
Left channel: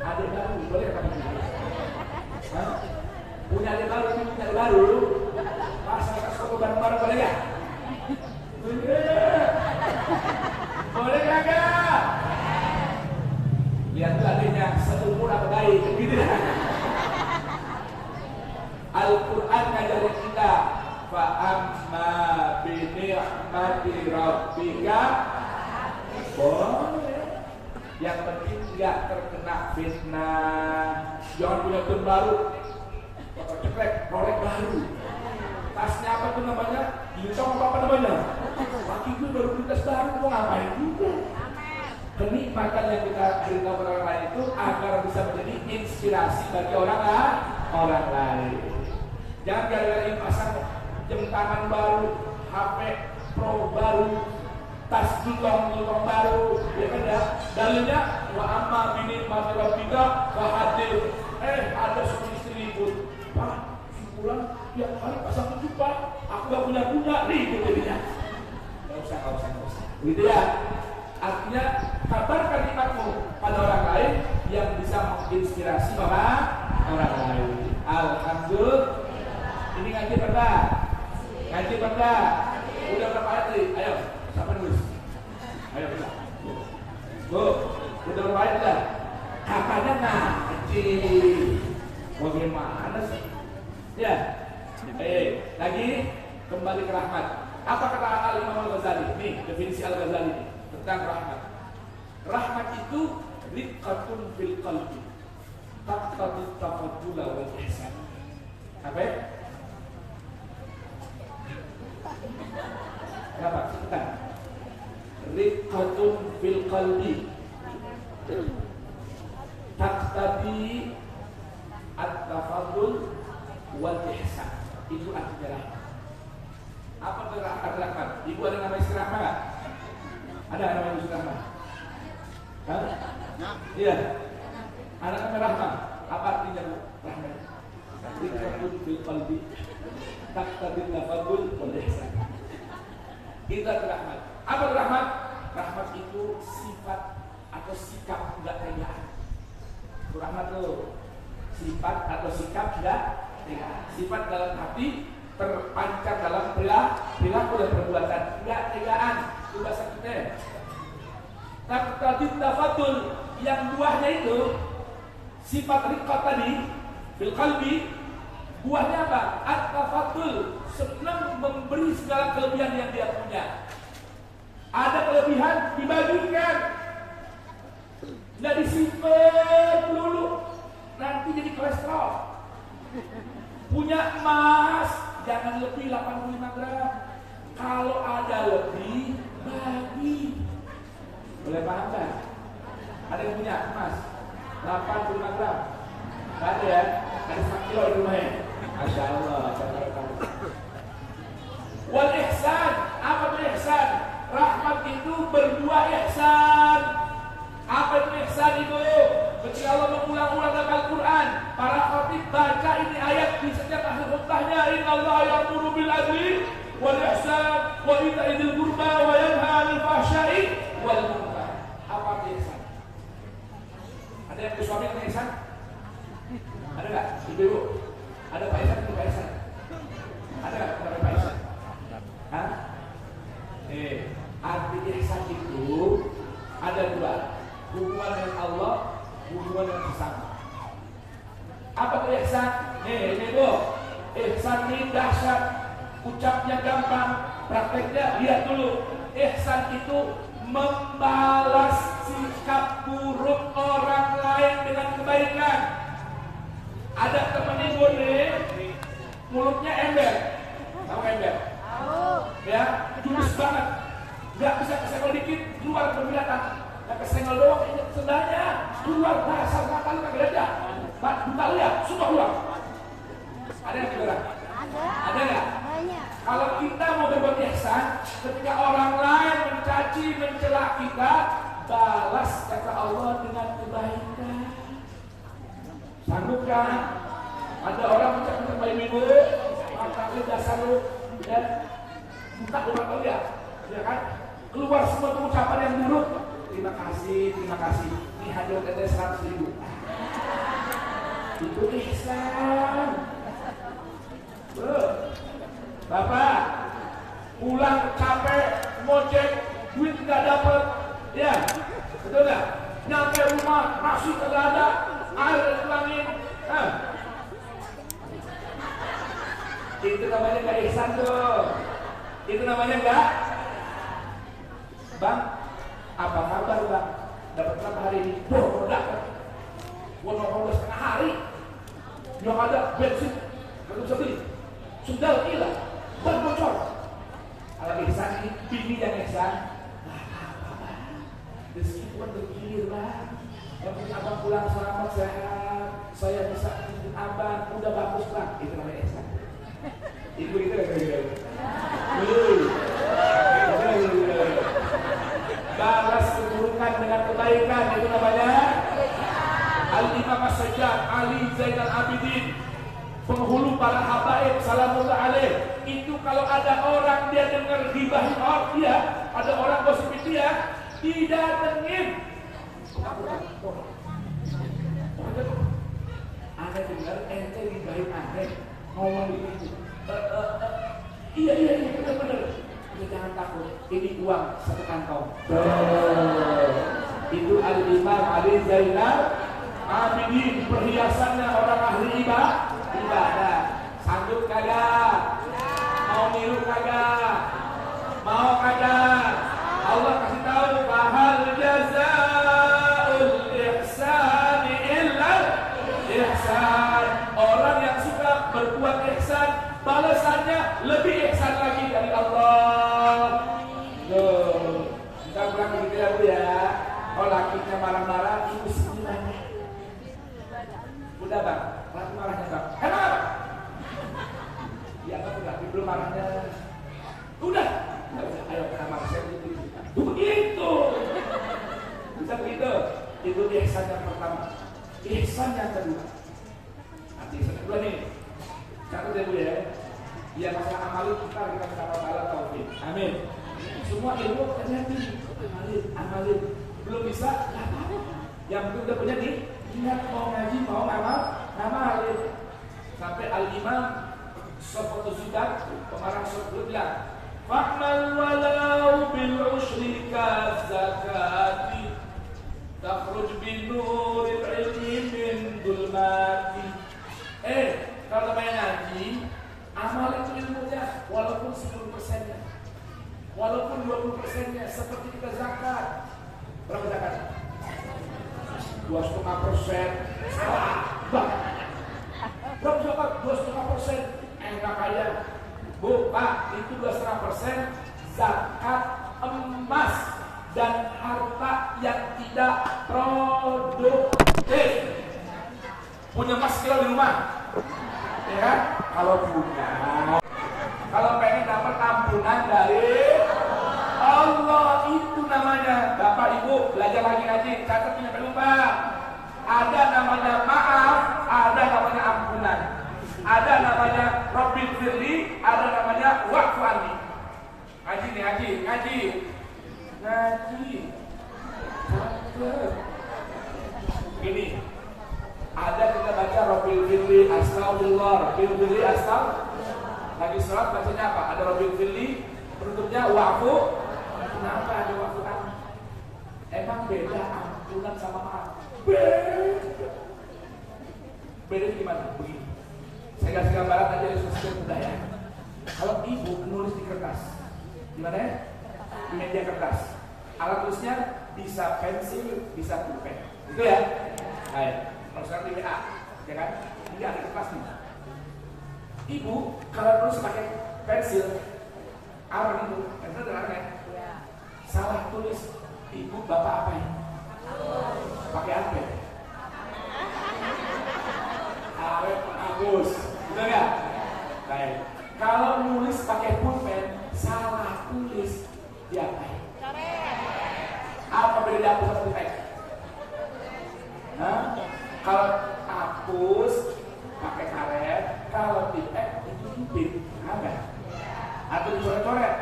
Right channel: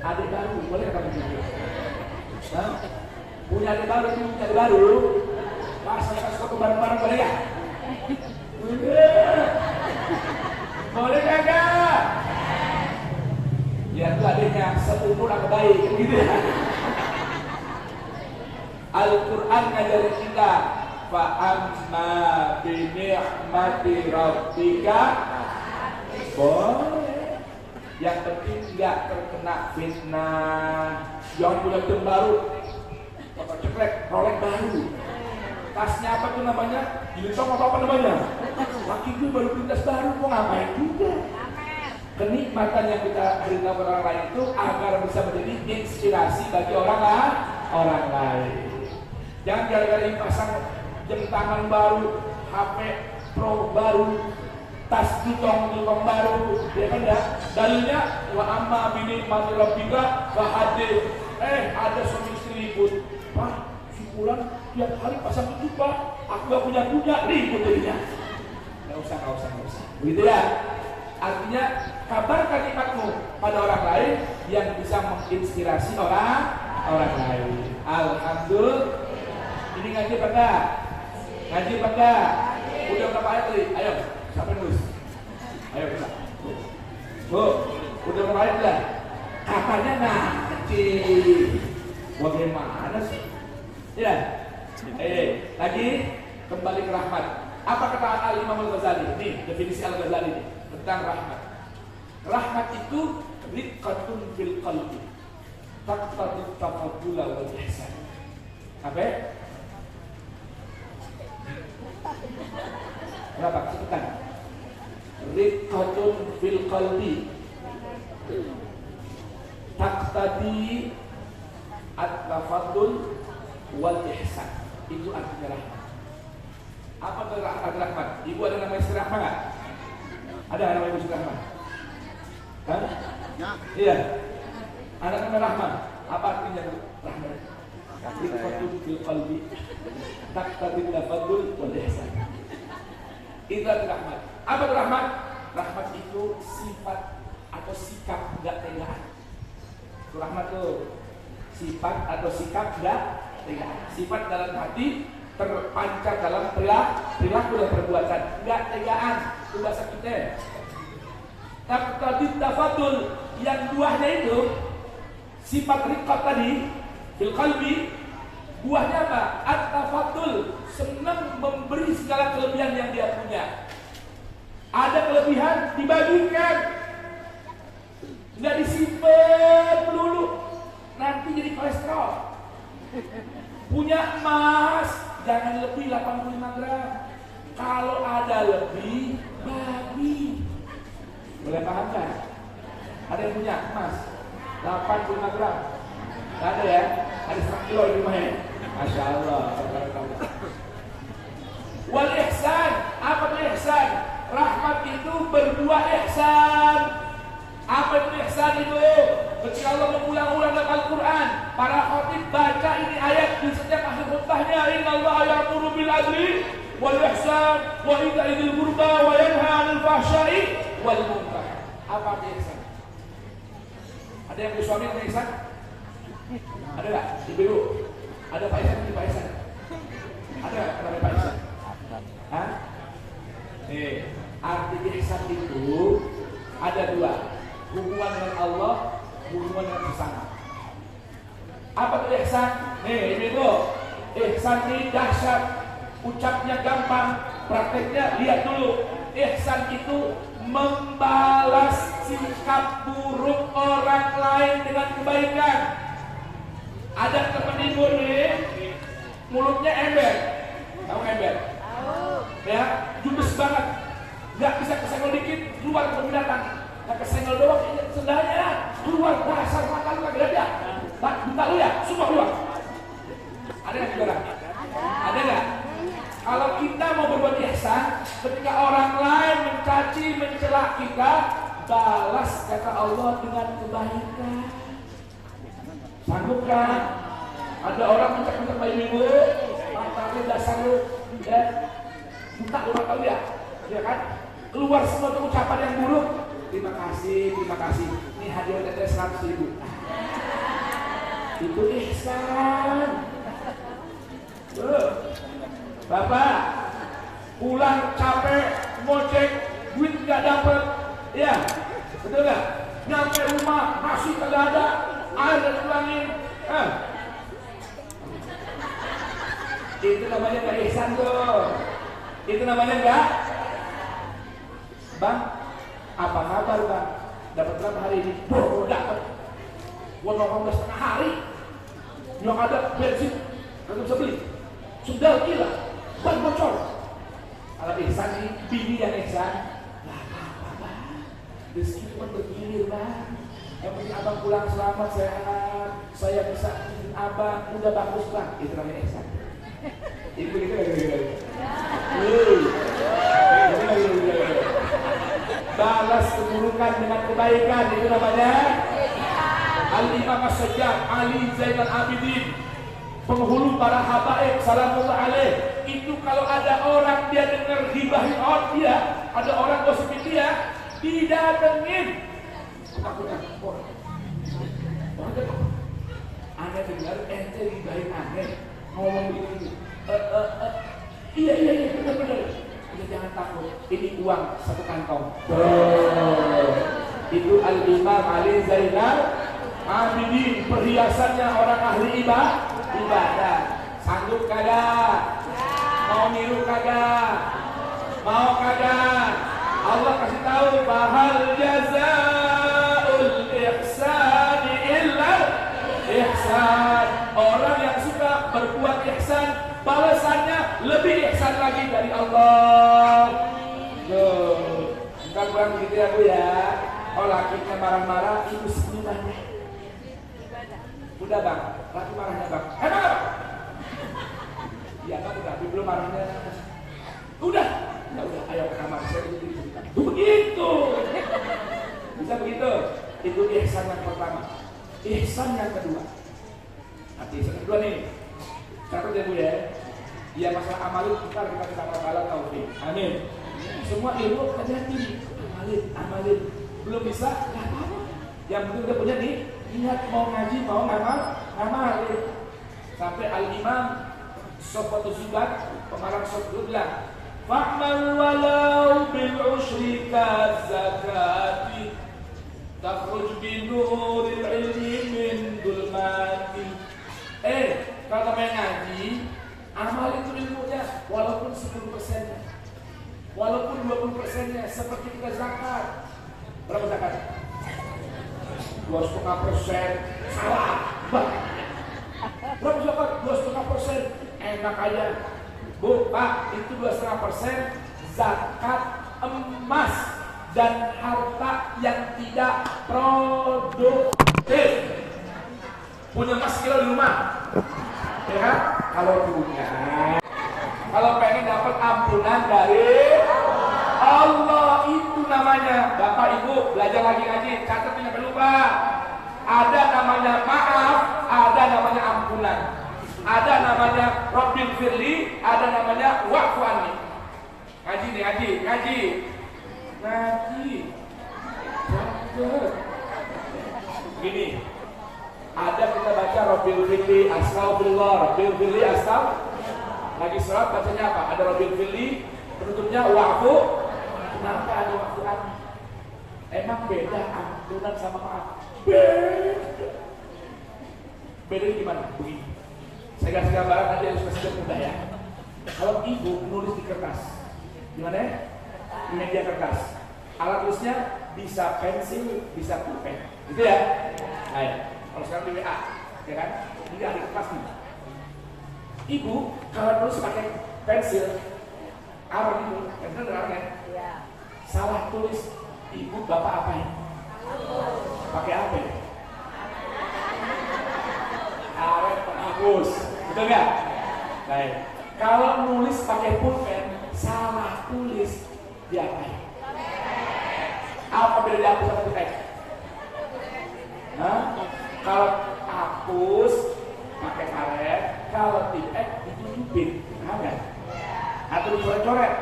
Adik baru, boleh nggak kamu gitu? Punya adik baru, kasih bareng-bareng boleh nggak? Boleh nggak? Ya itu adanya seumuran baik gitu. Al-Quran ngajarin kita fa amma bi ni'mati rabbika boleh. Yang penting nggak terkena fitnah. Jangan punya tim baru, apa ceklek, Rolex baru. Tasnya apa tuh namanya? Uniform apa namanya? Laki gue baru beli tas baru, mau ngapain juga? Kenikmatan yang kita beritahu orang lain itu agar bisa menjadi inspirasi bagi orang lain. Jangan gara-gara pasang jam tangan baru, HP Pro baru, tas jutong baru, ya kan ya? Dalilnya wa amma bini mati rabbika wa hadir. Ada suami istri ribut, Pak, si Fulan tiap hari pasang itu Pak, aku gak punya ribut jadinya. Gak usah. Gitu ya. Artinya kabarkan nikmatmu pada orang lain yang bisa menginspirasi orang lain. Alhamdulillah. Ini ngaji pada? Udah berapa ayat tadi? Ayo, siapa nulis? Ayo kita. Bu, udah berapa ayat dah? Kakaknya ngaji. Bagaimana sih? Ya. Lagi kembali ke rahmat. Apa kata Al-Imam Al-Ghazali? Nih, definisi Al-Ghazali tentang rahmat. Rahmat itu riqqatun fil qalbi. Taqtadi tafaddula wal ihsan. Apa ya? Kenapa? Sebentar. Riqqatun fil qalbi. Taqtadi at-tafaddul wal ihsan. Itu artinya rahmat. Apa arti rahmat? Ibu ada nama istri rahmat nggak? Ada nama istri rahmat? Hah? Iya. Ada nama rahmat. Apa artinya rahmat? Riqqatun fil qalbi taqtadi at-tafaddul wal ihsan. Itu rahmat. Apa rahmat? Rahmat itu sifat atau sikap enggak tegaan. Rahmat itu sifat atau sikap enggak tegaan. Sifat dalam hati terpancar dalam perilaku dan perbuatan, enggak tegaan. Itu bahasa kita. Taqtadi tafaddul, yang buahnya itu sifat riqqat tadi fil qalbi, buahnya apa? At-tafaddul, senang memberi segala kelebihan yang dia punya. Ada kelebihan dibagikan, nggak disimpan dulu, nanti jadi kolesterol. Punya emas, jangan lebih 85 gram. Kalau ada lebih, bagi. Boleh paham kan? Ada yang punya emas 85 gram? Nggak ada ya? Ada 1 kilo di rumahnya. Masya Allah. Wal ihsan, apa itu ihsan? Rahmat itu berbuah ihsan. Apa itu ihsan itu? Ketika Allah mengulang-ulang dalam Al-Quran, para khatib baca ini ayat di setiap akhir khutbahnya. Innallaha ya'muru bil adli wal ihsan wa ita'i dzil qurba wa yanha 'anil fahsya'i wal munkar. Apa itu ihsan? Ada yang bersuami punya ihsan? Ada nggak? Ibu, ada Pak Isan di Pak Isan? Ada nggak kepada Pak Isan? Hah? Arti ihsan itu ada dua, hubungan dengan Allah, hubungan dengan sesama. Apa itu ihsan? Ibu, ihsan ini dahsyat, ucapnya gampang, prakteknya lihat dulu. Ihsan itu membalas sikap buruk orang lain dengan kebaikan. Ada teman ibu nih, mulutnya ember, tahu ember? Ya, judes banget, nggak bisa kesenggol dikit, keluar ke binatang, nggak kesenggol doang, ini sendalnya keluar, dasar mata lu kagak ada, buka lu ya, semua keluar. Ada yang bilang? Ada nggak? Kalau kita mau berbuat ihsan, ketika orang lain mencaci, mencela kita, balas kata Allah dengan kebaikan. Sanggup kan? Ada orang mencaci ibu, matanya dasar lu, ya, buka orang kali ya kan? Keluar semua tuh ucapan yang buruk. Terima kasih. Ini hadiah ada 100.000. Itu ihsan. Tuh. Bapak pulang capek, ngojek, duit nggak dapet, ya, betul nggak? Nyampe rumah nasi kagak ada, air udah dipulangin, itu namanya nggak ihsan tuh. Itu namanya nggak. Bang, apa kabar bang? Dapat berapa hari ini? Mau dapat. Gua mau 15 hari. Yang ada bensin, nggak bisa beli. Sudah gila. Ban bocor. Kalau ihsan ini bini yang ihsan, nggak apa-apa bang. Rezeki cuma bergilir bang. Yang penting abang pulang selamat sehat. Saya bisa bikin abang udah bagus bang. Itu namanya ihsan. Itu lagi. Balas keburukan dengan kebaikan, itu namanya Al-Imam As-Sajjad Ali Zainal Abidin, penghulu para habaib salamullah alaih. Itu kalau ada orang dia dengar gibahin orang dia, ada orang gosipin dia, didatengin. Anda dengar ente gibahin anda ngomong begini. Iya benar. Jangan takut, ini uang 1 kantong. Itu Al-Imam Ali Zainal Abidin, perhiasannya orang ahli ibadah. Sanggup kagak? Mau niru kagak? Mau kagak? Allah kasih tahu, bahal jazaul ihsani illa ihsan. Orang yang suka berbuat ihsan, balasannya lebih ihsan lagi dari Allah. Loh, bukan kurang gitu ya Bu ya. Kalau lakinya marah-marah, ibu semuanya. Udah bang, laki marahnya bang. Kenapa? Ya bang udah, belum marahnya. Udah, ya udah, ayo ke kamar saya begitu. Bisa begitu. Itu ihsan yang pertama. Ihsan yang kedua. Nanti ihsan kedua nih. Catat ya Bu ya. Ya masalah amalin kita minta Allah taufik. Amin. Semua ilmu hati-hati. Amalin. Belum bisa, nggak apa-apa. Yang penting udah punya nih, ingat mau ngaji, mau ngamalin. Sampai Al-Imam Sofatul Zubat, pengarang Sofatul bilang, fa'mal walau bil ushri zakati takhruj bin nuril ilmi min dhulmati. Kalau main ngaji, amal itu ilmunya walaupun 10%-nya, walaupun 20%-nya, seperti kita zakat. Berapa zakat? 2,5%. Salah banget. Berapa zakat? 2,5%. Enak aja Bu, Pak, itu 2,5% zakat emas dan harta yang tidak produktif. Punya emas kilo di rumah, ya? Kalau punya, kalau pengen dapat ampunan dari Allah, itu namanya. Bapak Ibu belajar lagi ngaji, catat ini jangan lupa. Ada namanya maaf, ada namanya ampunan, ada namanya Rabbil Firli, ada namanya Wa'fu Anni. Ngaji nih, ngaji. Gini, ada kita baca Rabbil Fili Astagfirullah, Rabbil Fili Astagfirullah. Lagi sholat bacanya apa? Ada Rabbil Fili, penutupnya wa'fu. Kenapa ada wa'fu? Emang beda ampunan sama maaf? Beda gimana? Begini, saya kasih gambaran aja yang sudah mudah ya. Kalau ibu nulis di kertas, gimana ya? Di media kertas, alat tulisnya bisa pensil, bisa pulpen, gitu ya? Ayo, kalau sekarang di WA, ya kan? Ini ada kertas nih. Ibu kalau nulis pakai pensil, apa itu? Pensil dengan ya? Salah tulis, ibu bapak apa ya? Pakai apa ya? Arep hapus, betul nggak? Baik. Kalau nulis pakai pulpen, salah tulis diapain? Apa beda dihapus sama teks? Kalau hapus pakai karet, kalau tidak ditutupin, ada. Atau dicoret-coret,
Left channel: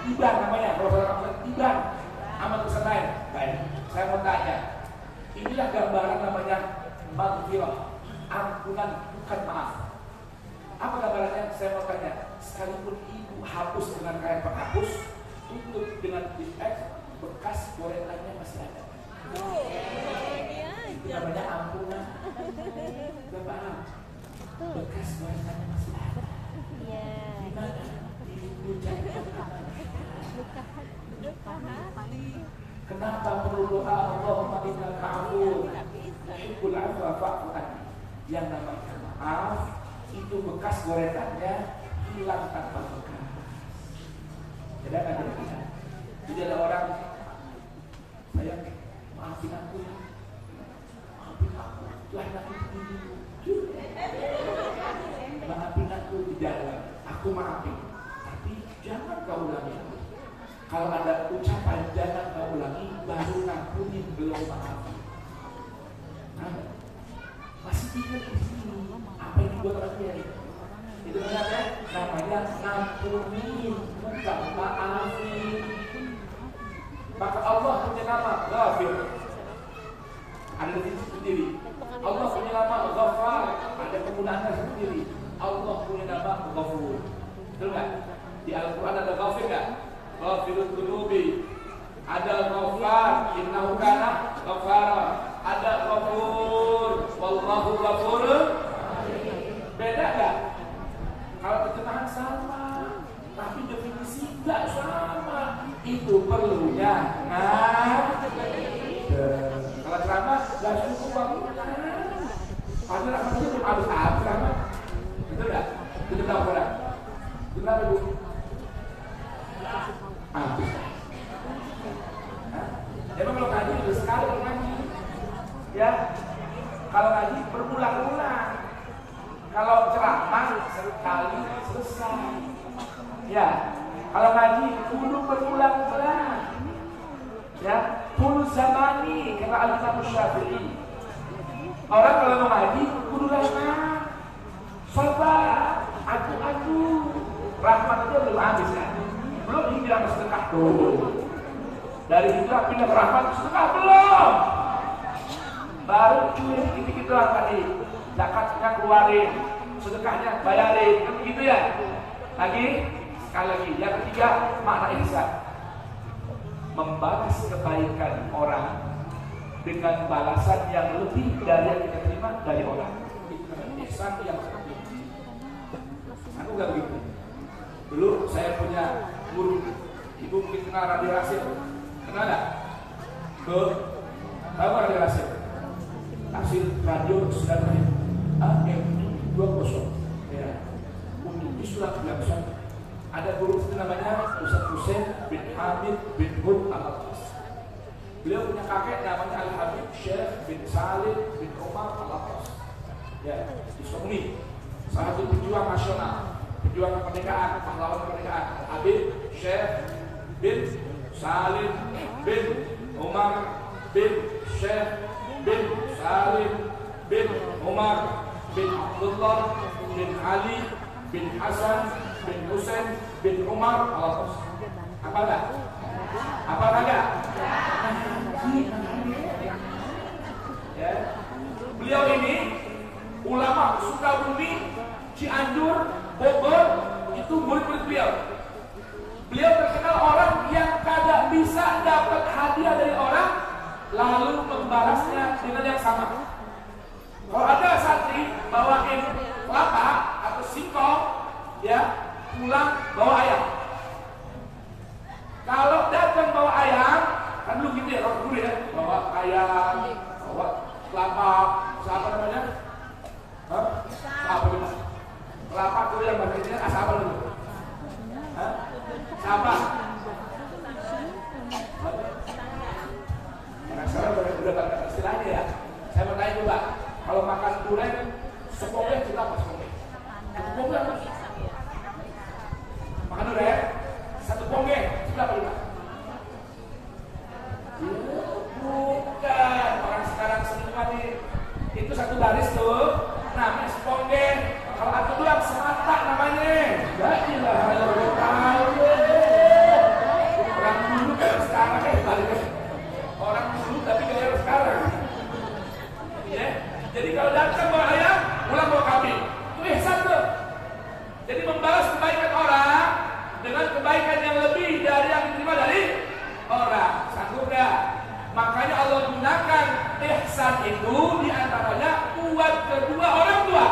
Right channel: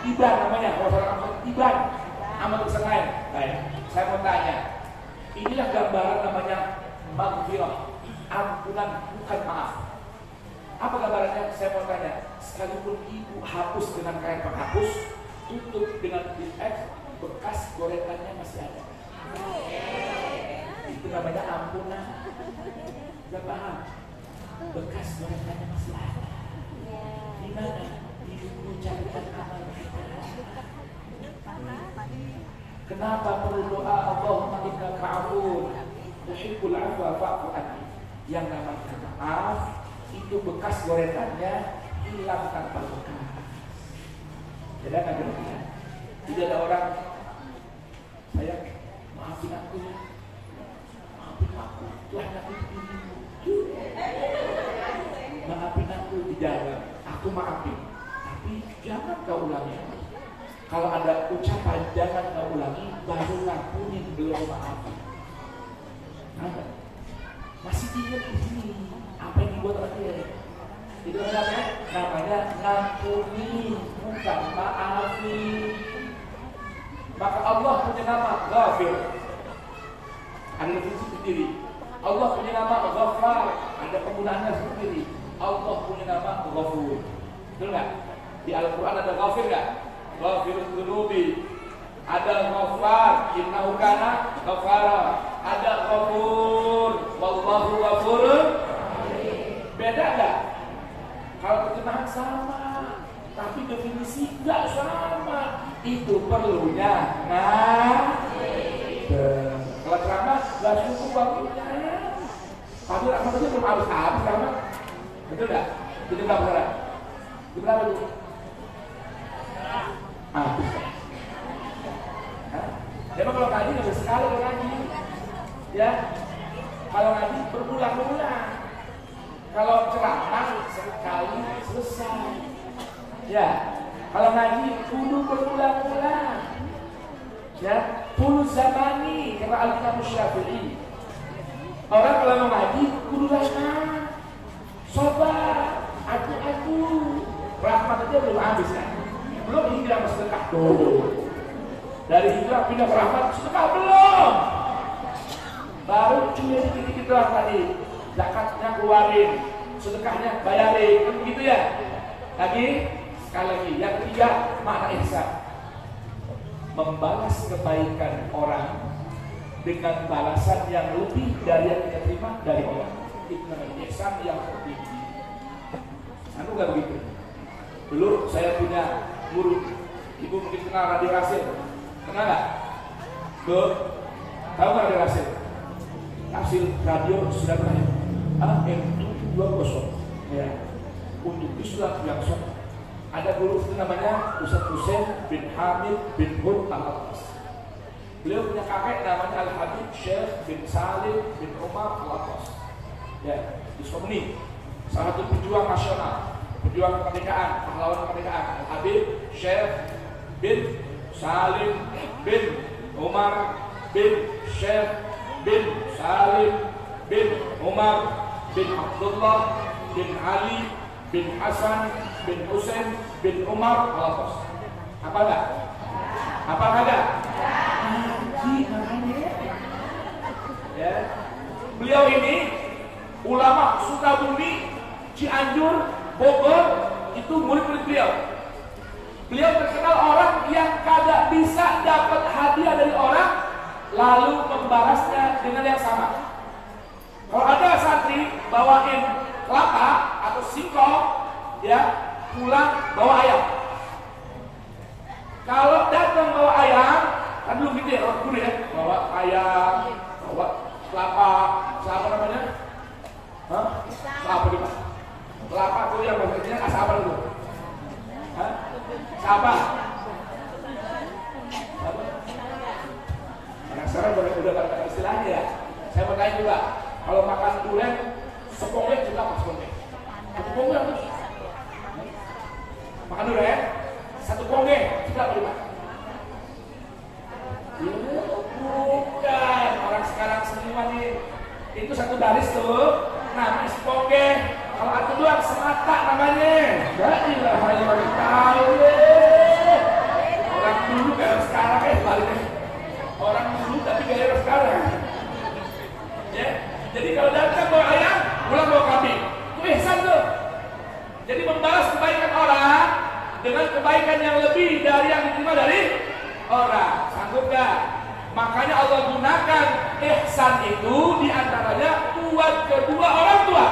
tiban namanya, kalau orang tiban, amal tulisan lain. Baik, saya mau tanya, inilah gambaran namanya maghfirah, ampunan bukan maaf. Apa gambarannya? Saya mau tanya, sekalipun ibu hapus dengan kain penghapus, tutup dengan X, bekas gorengannya masih ada. Itu namanya ampunan. Gak paham? Bekas gorengannya masih ada. Gimana? Ibu carikan amal. Kenapa perlu doa Allahumma innaka afuwwun tuhibbul afwa fa'fu anni? Yang namanya maaf itu bekas gorengannya hilang tanpa bekas. Jadi ada begitu. Tidak ada orang saya maafin aku ya, maafin aku, Tuhan aku begini, maafin aku di dalam, aku maafin, tapi jangan kau ulangi. Kalau ada ucapan jangan kau ulangi, baru ngampunin belum maafin. Nah, masih tinggal di sini. Apa yang dibuat terakhir? Itu namanya ngampuni, bukan maafin. Maka Allah punya nama Ghafir, ada definisi sendiri. Allah punya nama Ghaffar, ada penggunaannya sendiri. Allah punya nama Ghafur. Betul nggak? Di Al-Quran ada Ghafir nggak? Ghafirul Dzunubi. Ada Ghaffar, innahu kana Ghaffara. Ada Ghafur, wallahu Ghafurun. Beda nggak? Kalau terjemahan sama, tapi definisi nggak sama. Itu perlunya kalau ceramah nggak cukup waktunya. Padahal apa itu belum habis ceramah, betul nggak? Itu nggak boleh. Benar itu. Memang kalau ngaji nggak sekali ngaji, ya. Kalau ngaji berulang-ulang. Kalau ceramah sekali selesai, ya. Kalau ngaji kudu berulang-ulang, ya. Kudu zamani kata Al-Imam Syafi'i. Orang kalau mau ngaji kudu lama, sabar, adu-adu. Rahmat itu belum habis kan? Belum hijrah ke sedekah tuh. Dari hijrah pindah ke rahmat sedekah belum. Baru cuma dikit-dikit doang tadi. Zakatnya keluarin, sedekahnya bayarin, kan begitu ya? Lagi, sekali lagi, yang ketiga makna ihsan. Membalas kebaikan orang dengan balasan yang lebih dari yang kita terima dari orang. Itu namanya ihsan yang seperti ini. Anu gak begitu? Dulu saya punya guru, ibu mungkin kenal Radio Rasil, kenal gak? Tahu gak Radio Rasil? Rasil Radio sudah terakhir. AM20 ya, untuk Islam yang sah. Ada guru itu namanya Ustaz Husain bin Hamid bin Hud Al-Atas. Beliau punya kakek namanya Al-Habib Syekh bin Salim bin Umar Al-Atas. Ya, di Sukabumi, salah satu pejuang nasional, pejuang kemerdekaan, pahlawan kemerdekaan. Al-Habib Syekh bin Salim bin Umar bin Syekh bin Salim bin Umar bin Abdullah bin Ali bin Hasan bin Husain bin Umar Al-Atas. Apa enggak? Apa enggak? Ya. Beliau ini ulama Sukabumi, Cianjur, Bogor, itu murid-murid beliau. Beliau terkenal orang yang kagak bisa dapat hadiah dari orang lalu membalasnya dengan yang sama. Kalau ada santri bawain kelapa atau singkong, ya pulang bawa ayam. Kalau datang bawa ayam, kan belum gitu ya, orang guru ya, bawa ayam, bawa kelapa, apa namanya? Hah? Kelapa juga. Kelapa itu yang bahasa Indonesia asal apa dulu? Hah? Siapa? Karena sekarang udah gak istilahnya ya. Saya mau tanya juga, kalau makan durian, sepongnya juga apa sepongnya? Sepongnya apa? Makan durian, satu pongnya juga apa juga? Bukan, orang sekarang seniman itu satu baris tuh, namanya sepongnya. Kalau aku doang semata namanya. Ya ilah, hanya baru tahu deh. Orang dulu kayak sekarang baliknya. Orang dulu tapi kayak sekarang. Ya, jadi kalau datang bawa ayam, pulang bawa kambing. Itu ihsan tuh. Jadi membalas kebaikan orang dengan kebaikan yang lebih dari yang diterima dari orang. Sanggup gak? Makanya Allah gunakan ihsan itu diantaranya buat kedua orang tua.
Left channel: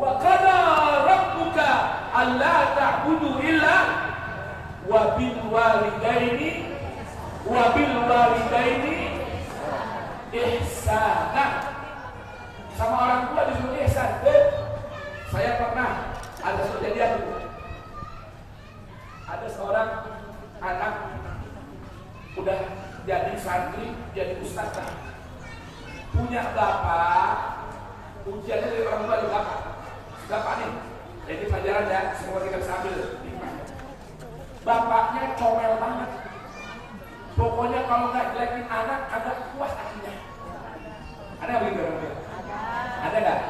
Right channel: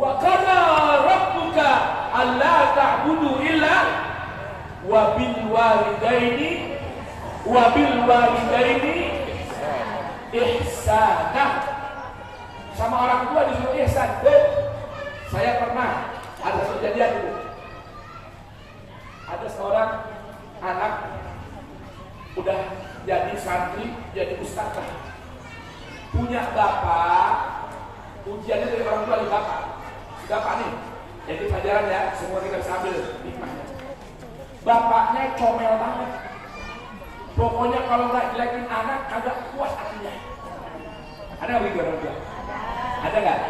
Wa qada rabbuka alla ta'budu illa wa bil walidaini ihsana. Sama orang tua disuruh ihsan. Saya pernah ada kejadian itu. Ada seorang anak udah jadi santri, jadi ustazah. Punya bapak, ujiannya dari orang tua di bapak. Bapak nih, jadi pelajaran ya, semua kita bisa ambil hikmahnya. Bapaknya comel banget. Pokoknya kalau nggak jelekin anak, kagak puas hatinya. Ada nggak begitu orang tua? Ada nggak?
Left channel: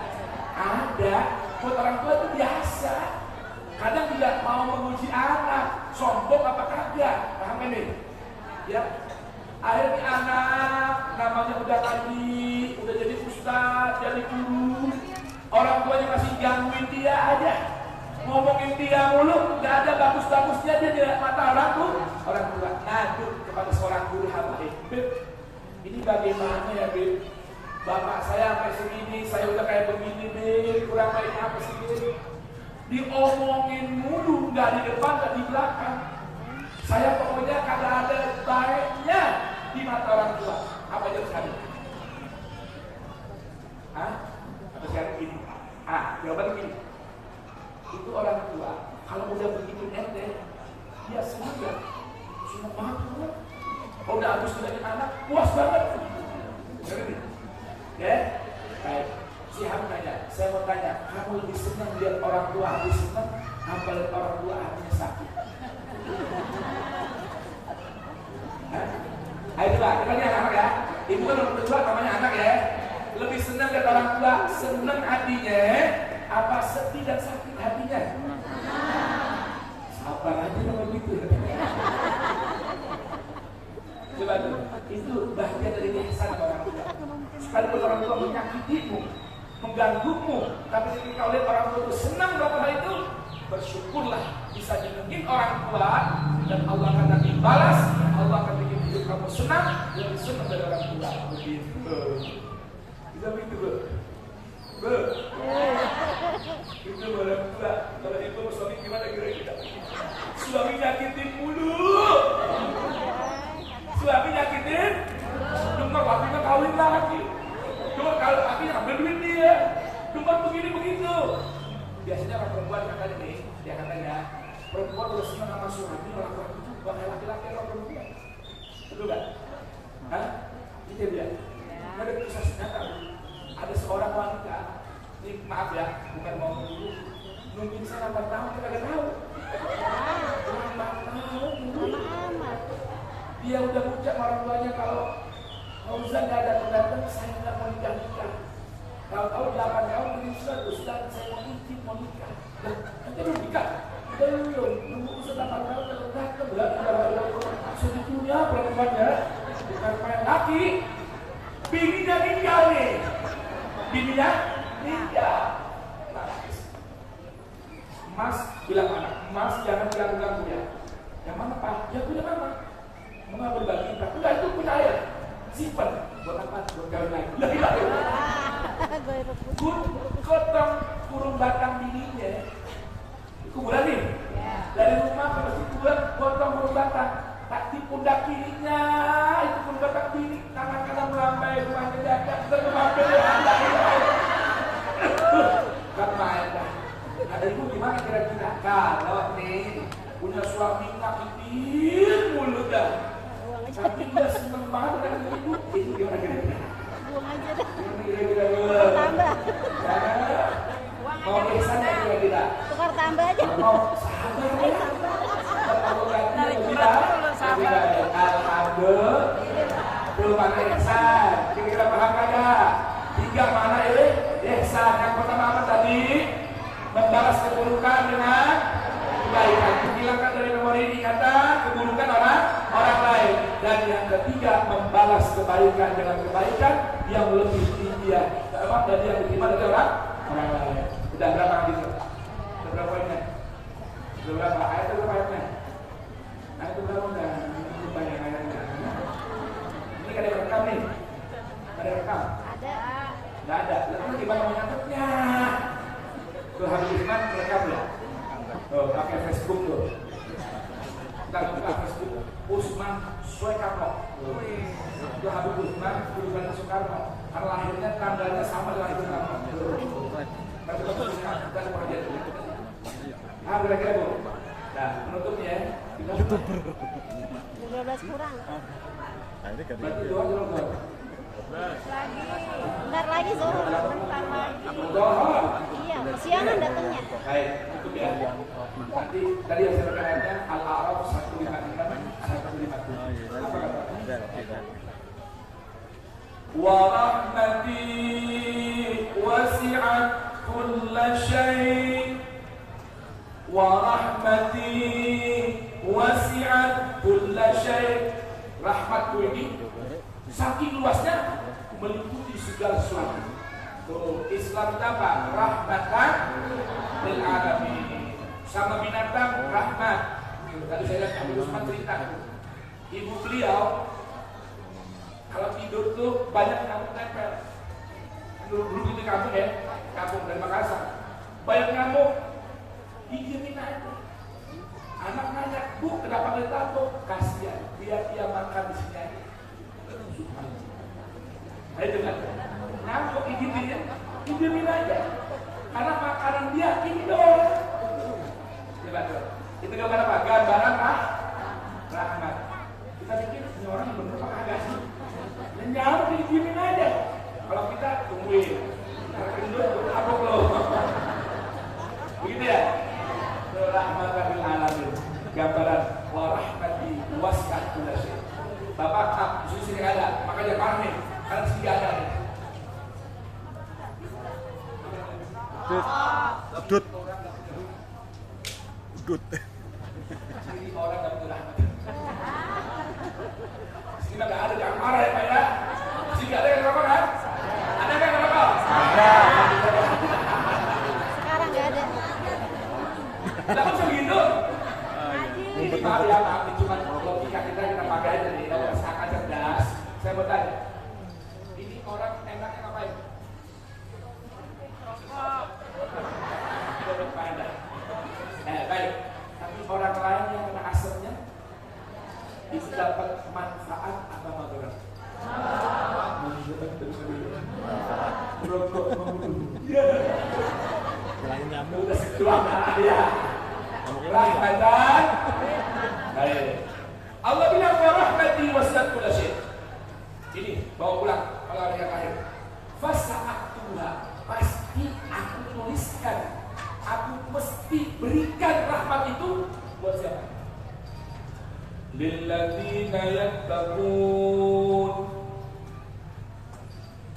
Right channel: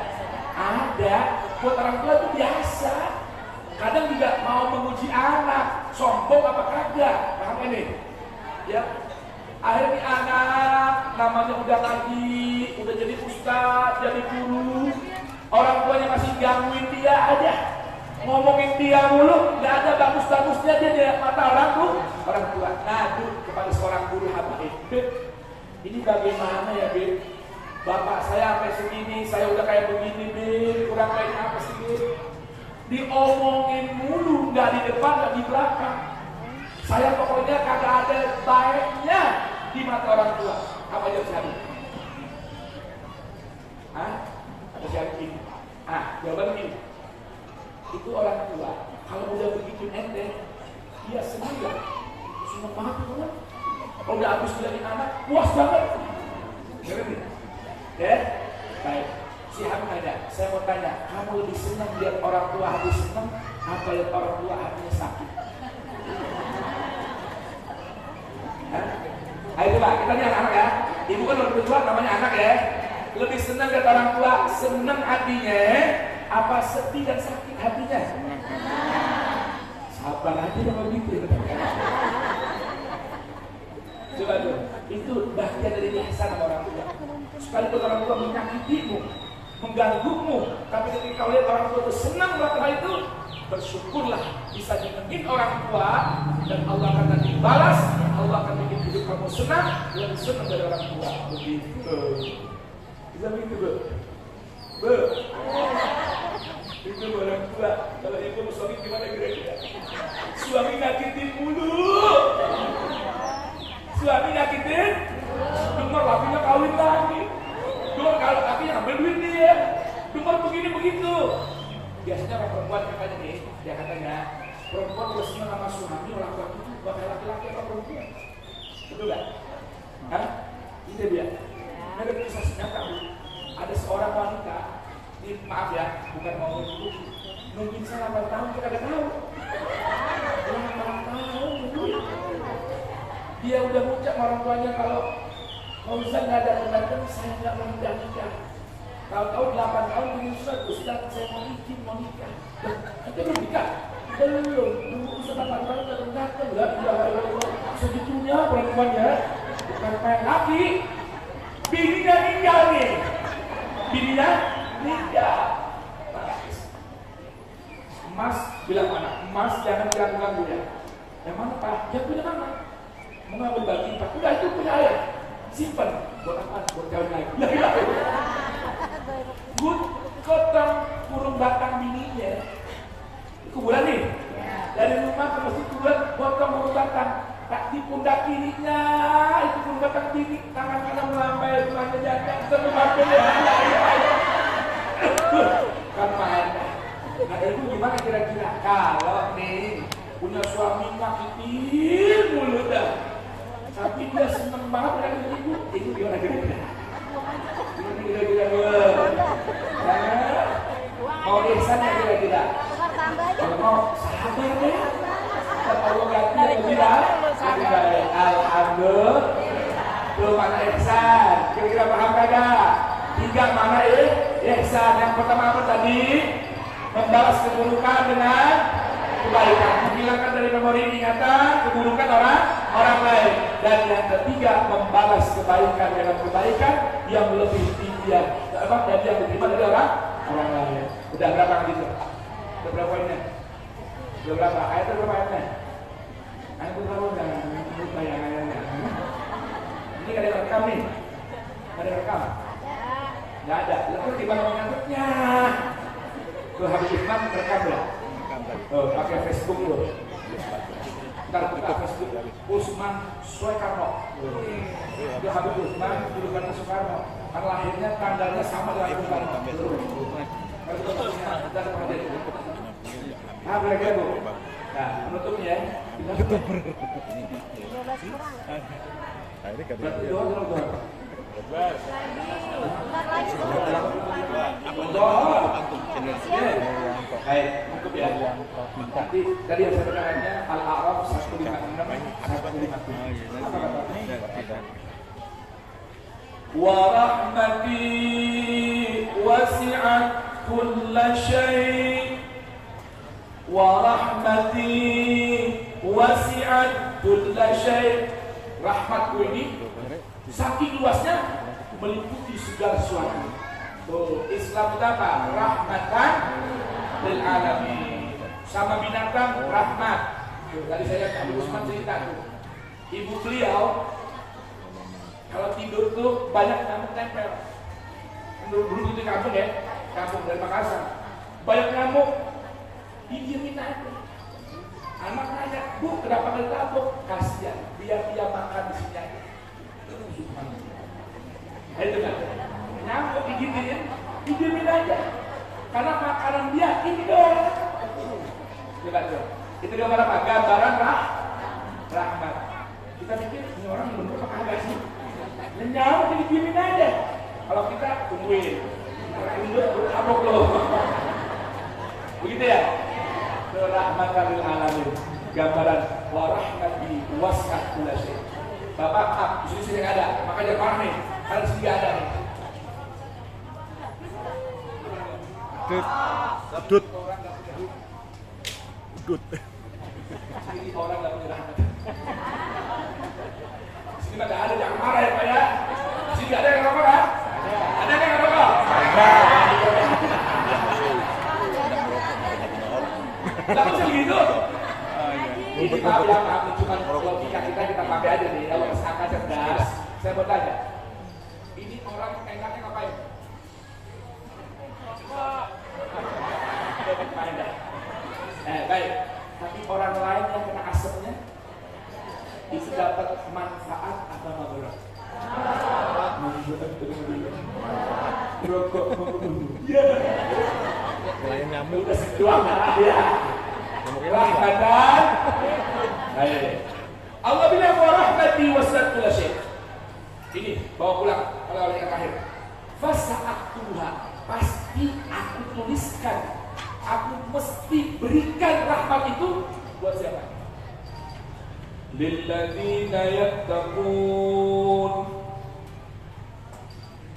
Ada. Buat orang tua itu biasa. Kadang juga mau memuji anak, sombong apa kagak? Paham ini? Ya. Akhirnya anak namanya udah ngaji, udah jadi ustaz, jadi guru. Orang tuanya masih gangguin dia aja, ngomongin dia mulu, nggak ada bagus-bagusnya dia di mata orang tua. Ngadu kepada seorang guru habaib, ini bagaimana ya Bib? Bapak saya sampai segini, saya udah kayak begini Bib, kurang baik apa sih Bib? Diomongin mulu, nggak di depan, nggak di belakang. Saya pokoknya kagak ada baiknya di mata orang tua. Apa jawab sekali? Hah? Atau sekali ini? Jawaban begini. Itu orang tua, kalau udah begitu ente, dia senang ya? Senang banget tuh. Kalau udah habis dari anak, puas banget. Ya? Baik. Si Hamid nanya, saya mau tanya, kamu lebih senang lihat orang tua habis senang, apa lihat orang tua hatinya sakit? Ayo coba, kita lihat anak ya. Ibu kan orang tua namanya anak ya. Lebih senang lihat orang tua, senang hatinya, apa sedih dan sakit hatinya? Sabar aja sama gitu. Coba tuh, itu bagian dari ihsan orang tua. Sekalipun orang tua menyakitimu, mengganggumu, tapi ketika kau lihat orang tua itu senang melakukan hal itu, bersyukurlah bisa nyenengin orang tua, dan Allah akan nanti balas. Allah akan bikin hidup kamu senang, lebih senang dari orang tua. Begitu. Bisa begitu Bu? Bu? Itu orang tua. Kalau itu suami gimana kira-kira? Suami nyakitin mulu. Suami nyakitin, dengar lakinya kawin lagi. Dengar kalau lakinya ngambil duit dia. Dengar begini begitu. Biasanya orang perempuan katanya nih, dia katanya perempuan udah senang sama suami, laki-laki itu bukan laki-laki atau perempuan. Betul gak? Hah? Itu dia. Ada kisah nyata. Ada seorang wanita, ini maaf ya, bukan mau mungkin saya 8 tahun kita gak tahu. 8 tahun dia udah ucap orang tuanya kalau Fauzan gak datang-datang, saya gak mau nikah. Tahu-tahu 8 tahun ini Ustaz, saya mau nikah. Nanti belum nikah? Belum. Ustaz 8 tahun datang-datang. Segitunya perempuannya. Bukan main laki. Bininya tinggal nih. bininya meninggal. Mas bilang anak, Mas jangan ganggu ya. Emang Pak, ya punya mana? Mau ngambil bagi kita, udah itu punya air, simpen buat apa? Buat kawin lagi. Gue ketemu kurung batang bininya, kuburan nih. Dari rumah ke masjid kuburan, potong kurung batang. Tak di pundak kirinya, itu kurung batang bini, tangan kanan melambai, tangan jaga, terlambai kan main. Nah itu gimana kira-kira? Kalau nih punya suami nyakitin mulu dah, tapi dia seneng banget dengan ibu, itu gimana kira-kira? Mau ihsan ya kira-kira? Mau sabar ya? Kalau ganti bilang, alhamdulillah, belum ada ihsan. Kira-kira paham kagak? 3 mana ihsan? Yang pertama apa tadi? Membalas keburukan dengan kebaikan, menghilangkan dari memori ingatan keburukan orang lain, dan yang ketiga membalas kebaikan dengan kebaikan yang lebih tinggi dan yang diterima dari orang lain. Udah berapa gitu? Berapa poinnya? Berapa ayat itu? Berapa ayatnya? Ayat itu berapa? Udah bayangannya. Ini ada rekam nih? Ada rekam? Nggak ada. Lalu gimana mengangkatnya? Tuh Habib Usman rekam ya? Oh, pakai Facebook tuh. Ntar buka Facebook Usman Soekarno. Itu Habib Usman julukannya Soekarno. Karena lahirnya tanggalnya sama dengan Soekarno. Berapa bu? Nah, penutupnya ya. Tutup. 15 kurang. Akhirnya kan Lagi. Bentar lagi sih. Iya, siang udah. Baik, untuk ya. Nanti tadi yang saya katakannya Al-A'raf 156. Wa rahmati wasi'at kulla syai' wa rahmati wasi'at kulla syai'. Rahmatku ini saking luasnya meliputi segala sesuatu. Islam itu apa? Rahmatan lil alamin. Sama binatang rahmat. Tadi saya Habib Usman cerita tuh. Ibu beliau kalau tidur tuh banyak nyamuk tempel. Dulu di kampung ya, kampung dari Makassar. Banyak nyamuk, didiemin aja. Anak nanya, Bu, kenapa nggak ditampuk? Kasihan, biar dia makan di sini aja. Itu kan, nyamuk didiemin aja. Karena makanan dia ini doang. Coba dong. Itu gambar apa? Gambaran rahmat. Kita pikir ini orang bener apa agak sih? Nyamuk didiemin aja. Kalau kita tungguin, bertabuk loh. Begitu ya? Rahmatan lil alamin. Gambaran wa rahmati wasi'at kulla syai'. Bapak di sini ada, makanya parah nih. Karena sini ada nih. Udut. Sini orang nggak punya rahmat. Sini nggak ada, jangan marah ya Pak ya. Sini ada yang rokok kan? Ada yang rokok? Ada. Nggak bisa begitu. Ini maaf ya, maaf cuma logika kita pakai aja nih. Kalau akal cerdas, saya mau tanya. Ini orang enaknya ngapain? Baik. Tapi orang lain yang kena asapnya itu dapat manfaat apa berat? Selain nyamuk. Udah sejuang ya. Rahmatan. Allah bilang wa rahmati wasi'at kulla syai'. Ini bawa pulang kalau ada yang akhir. Fasa'atuha, pasti aku tuliskan. Aku mesti berikan rahmat itu buat siapa? Lilladzina yattaqun.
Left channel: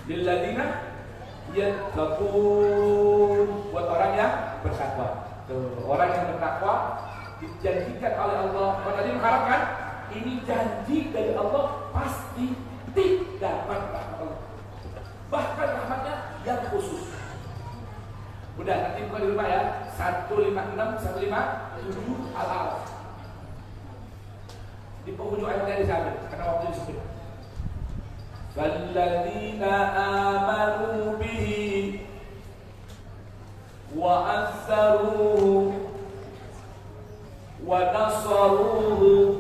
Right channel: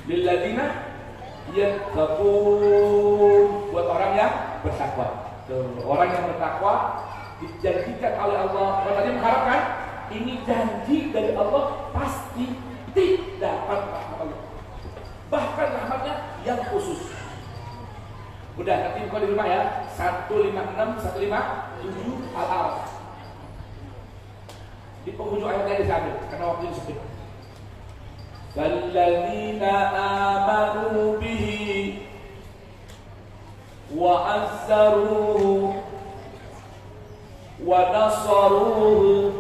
Lilladzina yattaqun, buat orang yang bertakwa. Orang yang bertakwa dijanjikan oleh Allah. Kalau tadi mengharapkan ini janji dari Allah pasti tidak dapat rahmat Allah. Bahkan rahmatnya yang khusus. Udah, nanti buka di rumah ya. 156, 157 Al-A'raf. Di penghujung ayatnya disambil karena waktu sempit. Walladzina amanu bihi wa azzaruhu wa nasaruhu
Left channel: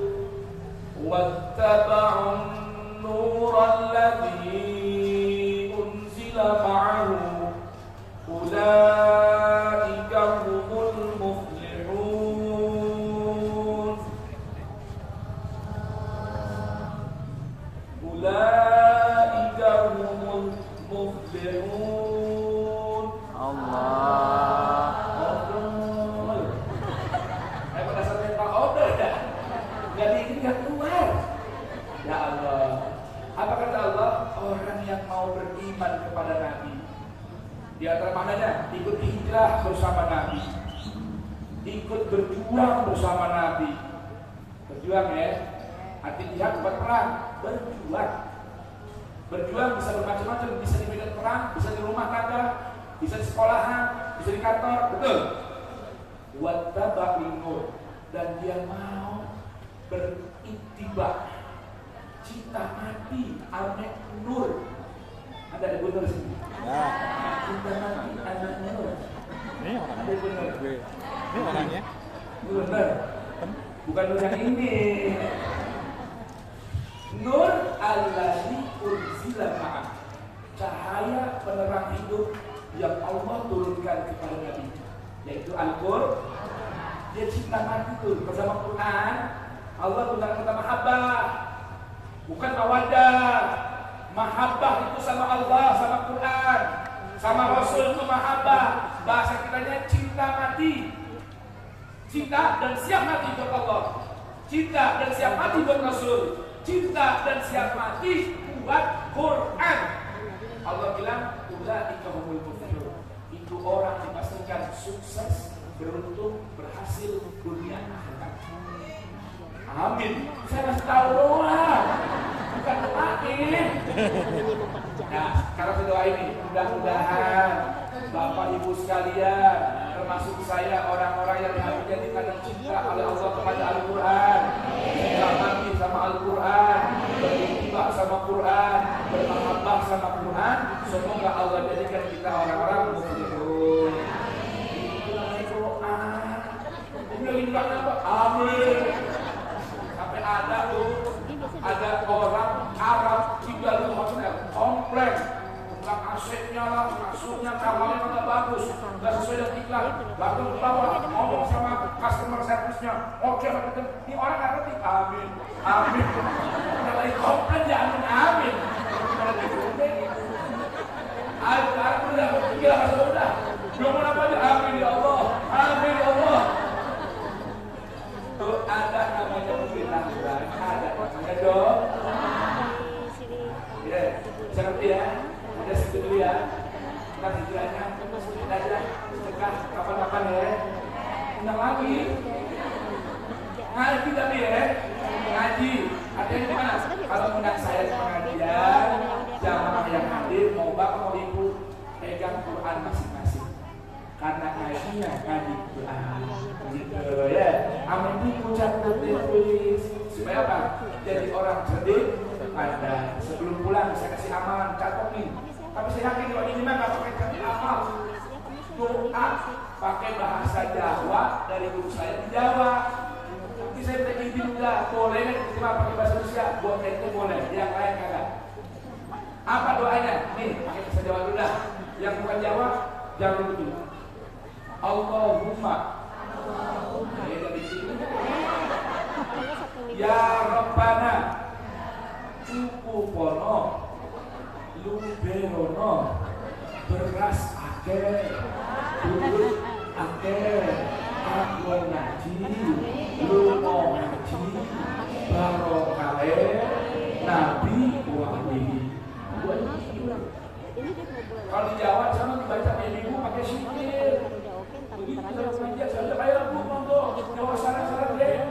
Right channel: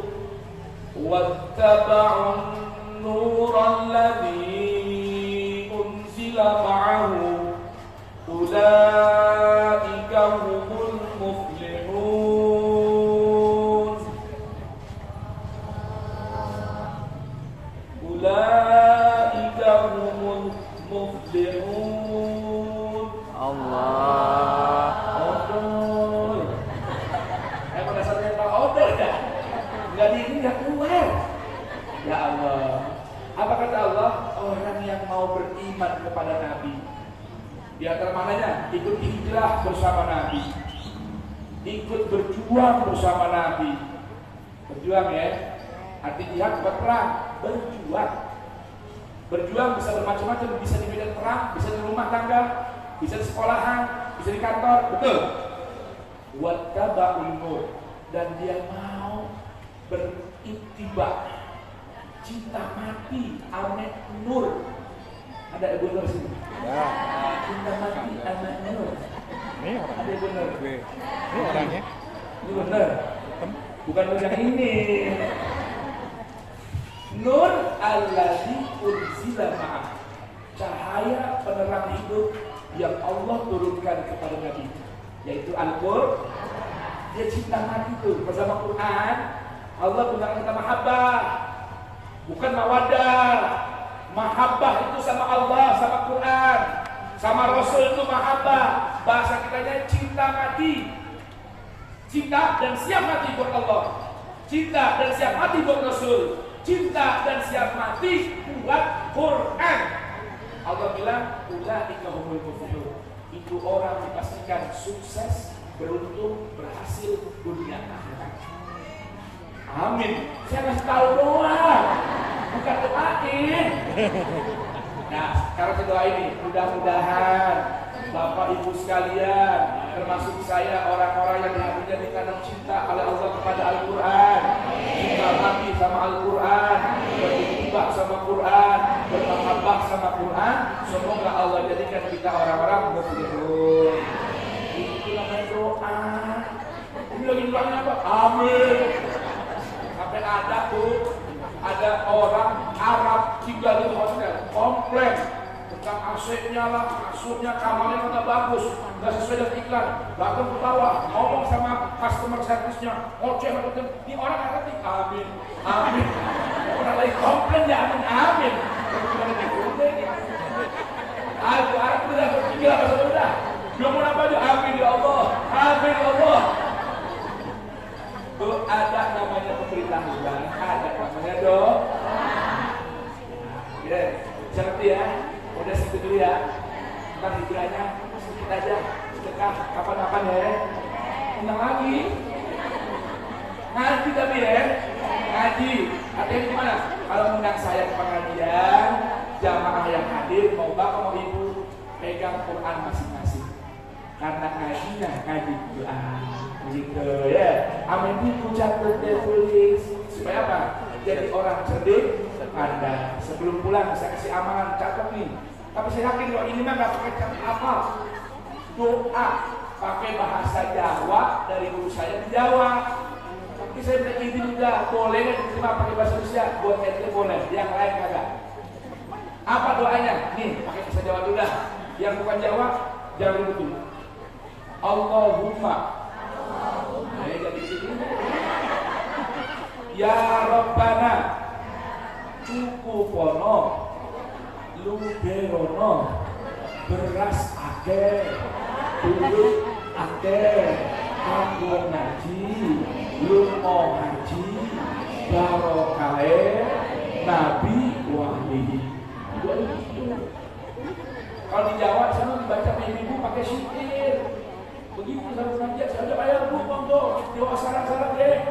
wattaba'un nuran ladzi unzila ma'ahu ulaika humul muflihun. Ulaika humul muflihun. Allah. Odol. Pada saat mental odol ya. Enggak ini enggak keluar. Ya Allah. Apa kata Allah? Orang yang mau beriman kepada Nabi. Di antara maknanya ikut hijrah bersama Nabi, ikut berjuang bersama Nabi. Berjuang ya, arti jihad berperang, berjuang bisa bermacam-macam, bisa di medan perang, bisa di rumah tangga, bisa di sekolahan, bisa di kantor, betul. Wattaba'un nur, dan dia mau beriktiba, cinta mati, amek nur. Ada ibu nur sini. Ya. Cinta mati, amek nur. Ini orangnya. Ada ibu nur. Ini orangnya. Ini benar. Bukan nur yang ini. Nur allazi unzila ma'ah. Cahaya penerang hidup yang Allah turunkan kepada Nabi, yaitu Al-Qur'an. Dia cinta mati itu bersama Quran. Allah bukan kita mahabbah, bukan mawaddah. Mahabbah itu sama Allah, sama Quran, sama Rasul itu mahabbah. Bahasa kitanya cinta mati. Cinta dan siap mati buat Allah, cinta dan siap mati buat Rasul, cinta dan siap mati buat Quran. Allah bilang, ulaika humul muflihun. Itu orang dipastikan sukses, beruntung, berhasil dunia akhirat. Amin. Saya ngasih tahu doang, bukan doain. Nah, sekarang doa ini, mudah-mudahan Bapak Ibu sekalian, termasuk saya, orang-orang yang hatinya dikandung cinta oleh Allah kepada Al-Quran, cinta mati sama Al-Quran, beritiba sama Quran, bermahabbah sama Quran. Semoga Allah jadikan kita orang-orang muflihun. Itu namanya doa. Ini lagi doanya apa? Amin. Sampai ada orang Arab tinggal di hotel kompleks, bukan AC-nya lah, kasurnya, kamarnya kata bagus, nggak sesuai dengan iklan. Bahkan ketawa, ngomong sama customer service-nya, ini orang nggak ngerti. Amin, amin. Orang lagi komplain ya amin, amin. Ayo, Arab itu udah bertiga, udah. Belum mau apa aja, amin ya Allah, amin ya Allah. Tuh ada namanya pemberitahuan, ada namanya dong. Ya, seperti ya, udah segitu dulu ya. Ntar hijrahnya sedikit aja, sedekah kapan-kapan ya. Tenang lagi. Ngaji tapi ya, ngaji. Artinya gimana? Kalau undang saya ke pengajian, jamaah yang hadir mau bapak mau ibu pegang Quran masing-masing. Karena ngajinya ngaji Quran. Gitu ya. Amin itu catat tulis supaya apa? Jadi orang cerdik, pandai. Sebelum pulang saya kasih amalan catat nih. Tapi saya yakin kalau ini mah nggak pakai catat amal. Doa pakai bahasa Jawa dari guru saya di Jawa. Tapi saya tidak izin juga boleh nggak diterima pakai bahasa Indonesia? Buat ente boleh, yang lain kagak. Apa doanya? Nih pakai bahasa Jawa dulu dah. Yang bukan Jawa jangan betul. Allahumma. Ya Rabbana cukupono luberono beras akeh duit akeh kanggo ngaji lunga ngaji barokahe nabi wali. Kalau di Jawa sana dibaca ibu pakai syukur. Begitu kita belajar saja ayat rumah tuh. Jawa sana deh.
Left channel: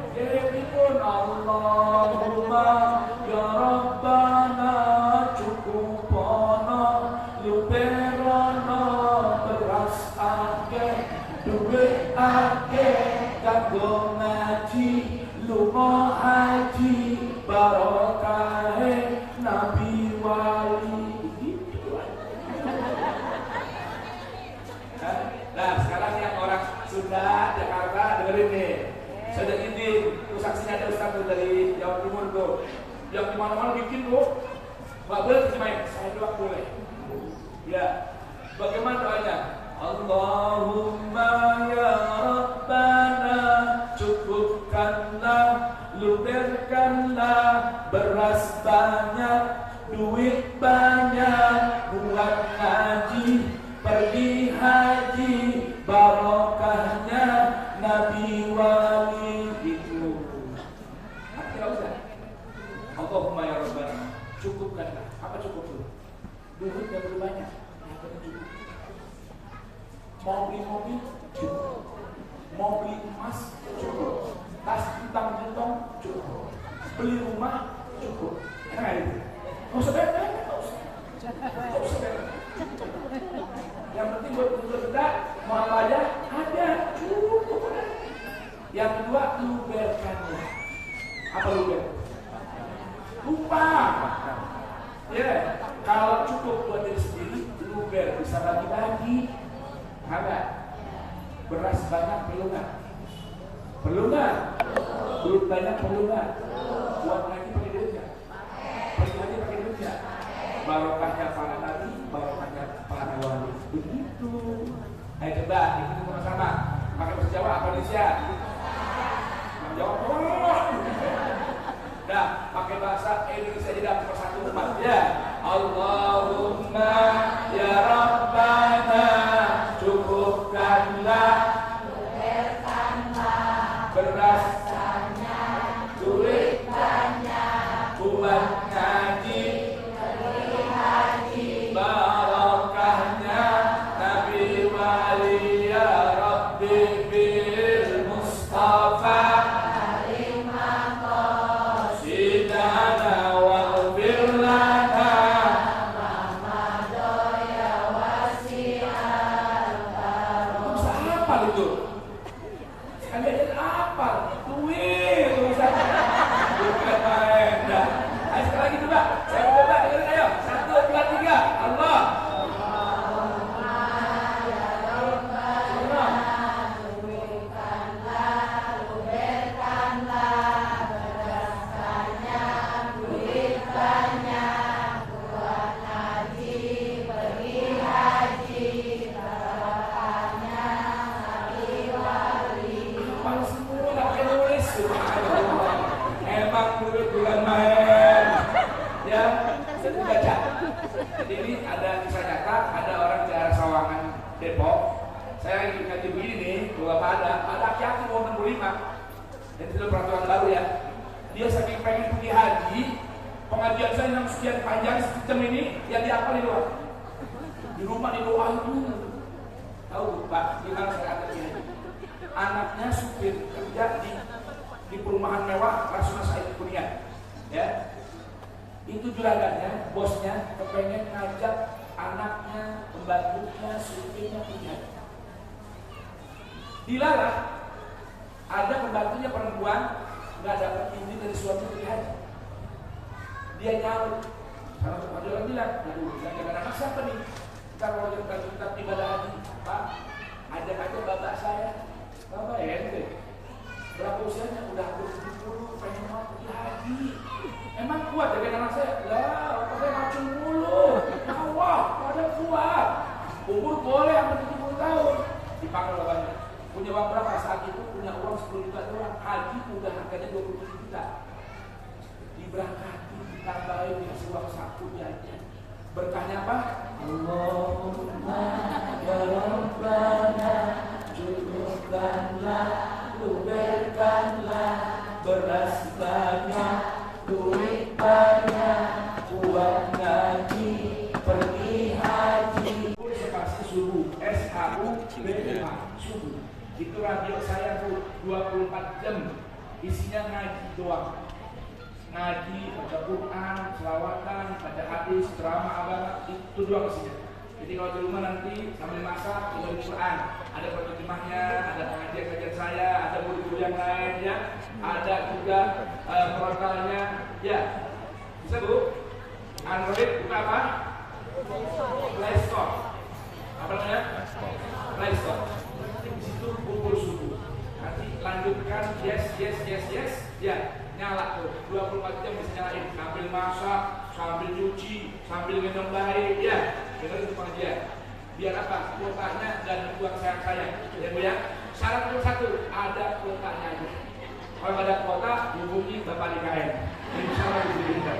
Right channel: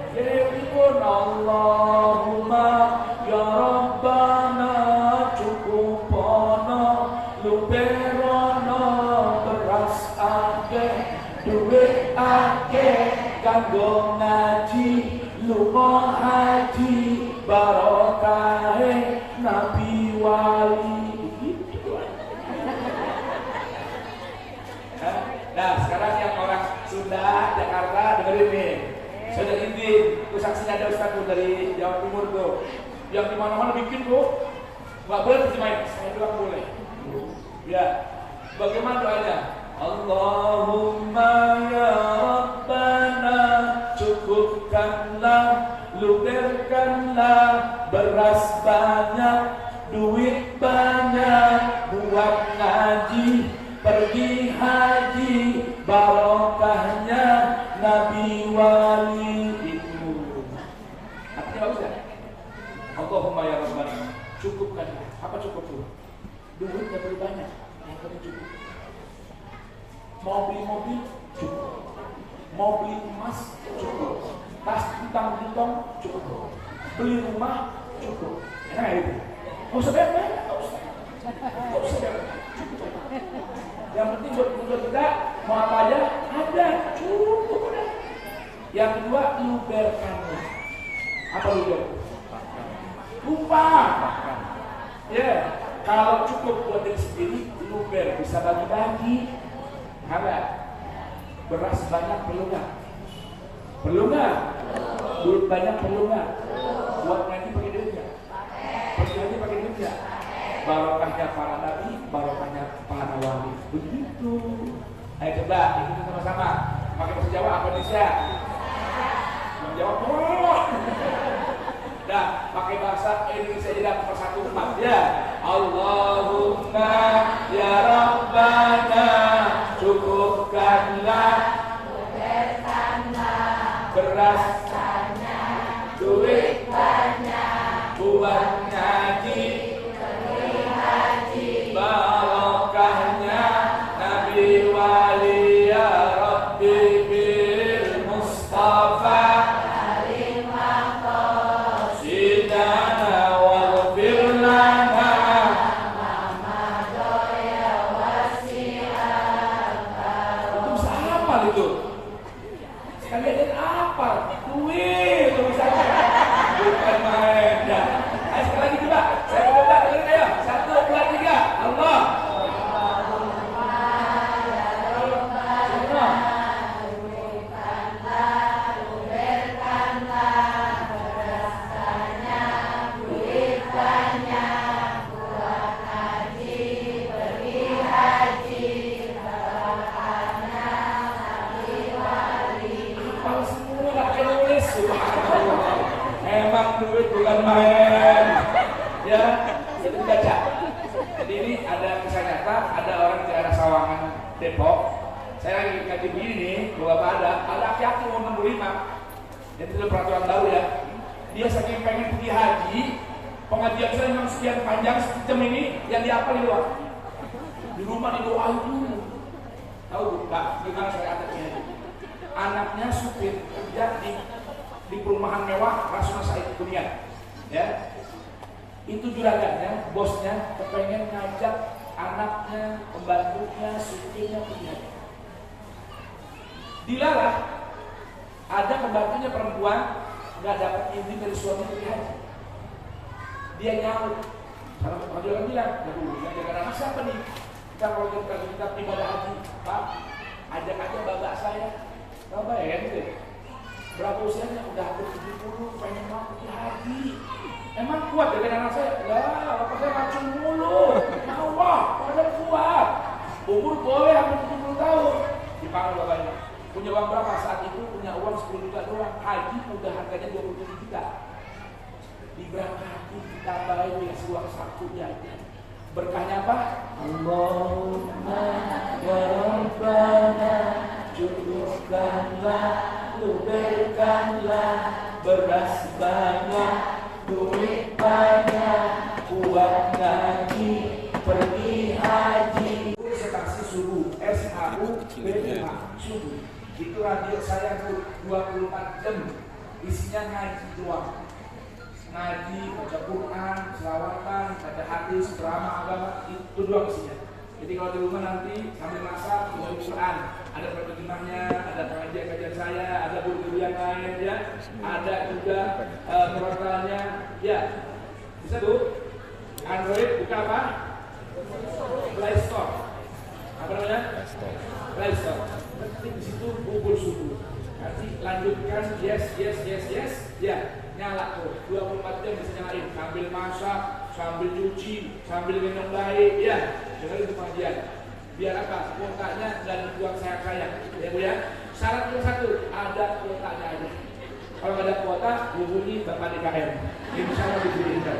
Pun Allahumma ya Rabbana cukupono lupero ake kanggo ngaji lunga haji barokahe nabi wali. Nah sekarang yang orang Sunda, Jakarta dengerin nih. Saya udah izin, itu saksinya ada Ustaz tuh dari Jawa Timur tuh. Yang dimana-mana bikin tuh, nggak boleh terjemahin, saya bilang boleh. Ya, bagaimana doanya? Allahumma ya Rabbana cukupkanlah, luberkanlah beras banyak, duit banyak, buat ngaji, pergi haji, barokahnya nabi wali itu. Artinya apa Ustaz? Allahumma ya Rabbana cukupkan. Apa cukup tuh? Duit yang boleh banyak, yang boleh cukup. Mau beli mobil cukup, mau beli emas cukup, tas hutang-hutang cukup, beli rumah cukup. Enak itu? Nggak usah banyak, nggak usah. Yang penting buat kita mau apa aja ada, cukup. Yang kedua luberkanlah. Apa luber? Lupa. Ya, kalau cukup buat diri sendiri, luber bisa bagi-bagi. Ada beras banyak perlu nggak? Perlu nggak? Duit banyak perlu nggak? Buat ngaji pakai duit nggak? Pakai ngaji pakai duit nggak? Barokahnya para nabi, barokahnya para wali. Begitu. Ayo coba kita sama-sama. Pakai bahasa Jawa apa Indonesia? Menjawab dong. Nah, pakai bahasa Indonesia tidak persatu umat ya. Allahumma ya Rabbana cukupkanlah, beras banyak, duit banyak, buat ngaji, pergi haji, barokahnya nabi wali ya Rabbi bil Mustafa karimah qasidana wal firlana Muhammadoya wasi'al itu siapa itu? Sekalian apa? Duit itu bisa bukan main. Nah, ayo sekali lagi coba. Saya coba dengerin ayo. 1, 2, 3. Allah. Duit bukan main, ya sudah baca. Jadi ini ada kisah nyata, ada orang di daerah Sawangan, Depok. Saya lagi ngaji begini, bapak ada laki-laki umur 65, dan itu peraturan baru ya. Dia saking pengen pergi haji, pengajian saya yang sekian panjang sejam ini, yang diapal di luar. Di rumah didoain dulu. Tahu tak? Gimana saya anaknya? Anaknya supir kerja di perumahan mewah Rasulullah Said Dunia, ya itu juragannya, bosnya kepengen ngajak anaknya, pembantunya, supirnya pergi. Dilarang. Ada pembantunya perempuan nggak dapat izin dari suami pergi haji. Dia nyaut. Kalau dia bilang, yang jaga anak siapa nih? Kalau kita ibadah haji, Pak, ajak aja bapak saya. Bapak ya gitu. Berapa usianya? Udah hampir 70, pengen mau pergi haji. Emang kuat dengan anak saya? Lah, bapak saya macam mulu. Nyawa, pada kuat. Umur boleh hampir 70 tahun. Dipanggil bapaknya. Punya uang berapa? Saat itu punya uang 10 juta doang. Haji udah harganya 27 juta. Diberangkati, ditambahin dikasih uang sakunya. Berkahnya apa? Allahumma ya Rabbana cukupkanlah, luberkanlah beras banyak, duit banyak, buat ngaji, pergi haji. Seperti subuh, SHU-BUH, subuh. Itu radio saya 24 jam, isinya ngaji doang. Ngaji, baca Quran, selawatan, baca hadis, ceramah agama, itu doang isinya. Jadi kalau di rumah nanti sambil masak dengan Quran, ada perkemahnya, ada kajian saya, ada buku yang lain ya, ada juga portalnya, ya bisa Bu. Android buka apa? Play Store. Apa namanya? Play Store. Nanti di situ bubur subuh. Nanti lanjutkan yes, ya nyala tuh 24 jam bisa nyalain sambil masak, sambil cuci, sambil minum baik ya. Dengar itu pengajian. Biar apa? Kuotanya dan buat saya ya Bu ya. Syarat nomor 1 ada kuotanya aja. Kalau ada kuota hubungi Bapak DKM. Insya Allah diberikan.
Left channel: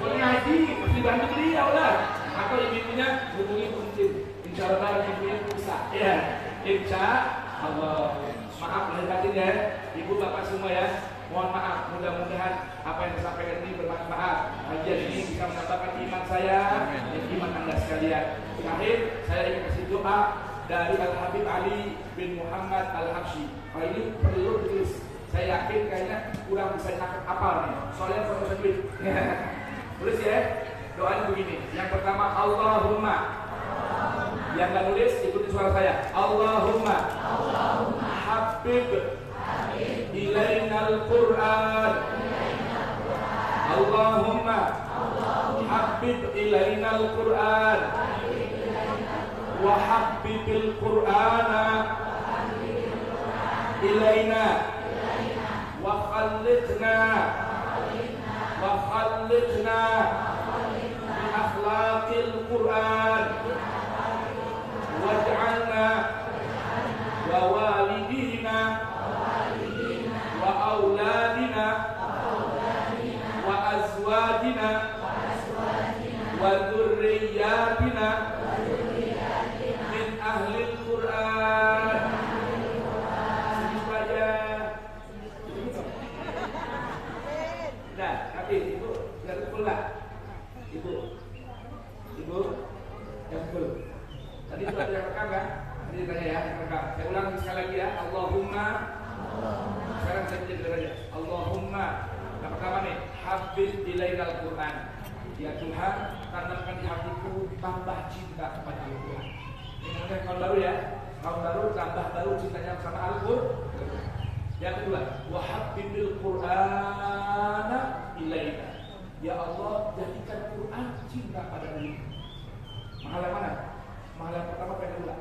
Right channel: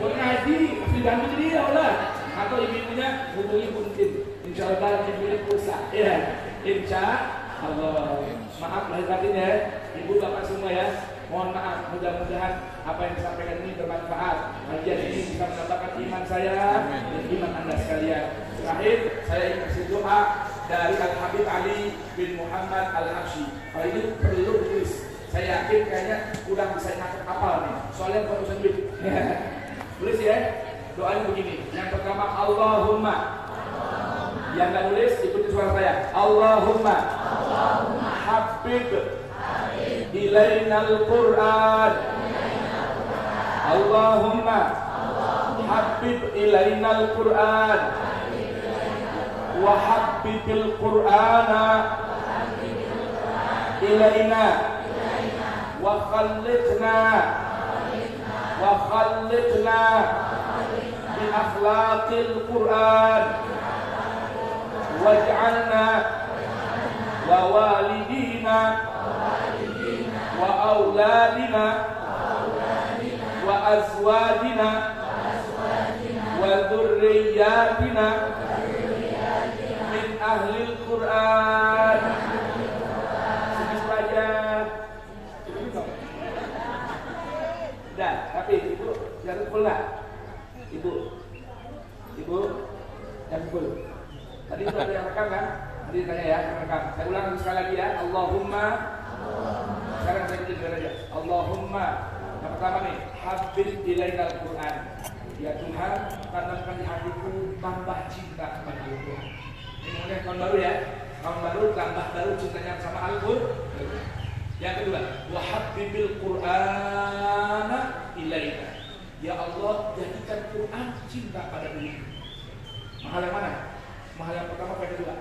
Kalau ngaji dibantu dia udah. Atau ibu-ibunya hubungi Kuntin. Insya Allah diberi pulsa. Ya, insya Allah. Maaf lahir batin ya, ibu bapak semua ya. Mohon maaf, mudah-mudahan apa yang disampaikan ini bermanfaat. Kajian ini bisa menambahkan iman saya dan iman Anda sekalian. Terakhir, saya ingin kasih doa dari Al-Habib Ali bin Muhammad Al-Habsyi. Kalau ini perlu ditulis. Saya yakin kayaknya kurang bisa hafal nih. Soalnya foto duit. Tulis ya. Doanya begini. Yang pertama, Allahumma. Yang nggak nulis ikuti suara saya. Allahumma. Habib ilainal Qur'an. Allahumma habib ilainal Qur'an wa habbibil Qur'ana ilaina wa khallidna bi akhlaqil Qur'an waj'alna wa walidina wa auladina wa azwajina wa dzurriyyatina min ahlil Qur'an. Sini saja. Dah, tapi itu jangan pula. Ibu yang full. Tadi itu ada yang rekam kan? Tadi tanya ya, yang rekam. Saya ulang sekali lagi ya. Allahumma. Sekarang saya jadi aja. Allahumma. Yang pertama nih, habib ilainal Qur'an. Ya Tuhan, tanamkan di hatiku tambah cinta kepada Al-Quran. Ini mungkin tahun baru ya. Tahun baru tambah baru cintanya sama Al-Quran. Yang kedua, wa habbibil Qur'ana ilaina. Ya Allah, jadikan Quran cinta pada diri. Mahal yang mana? Mahal yang pertama, yang kedua.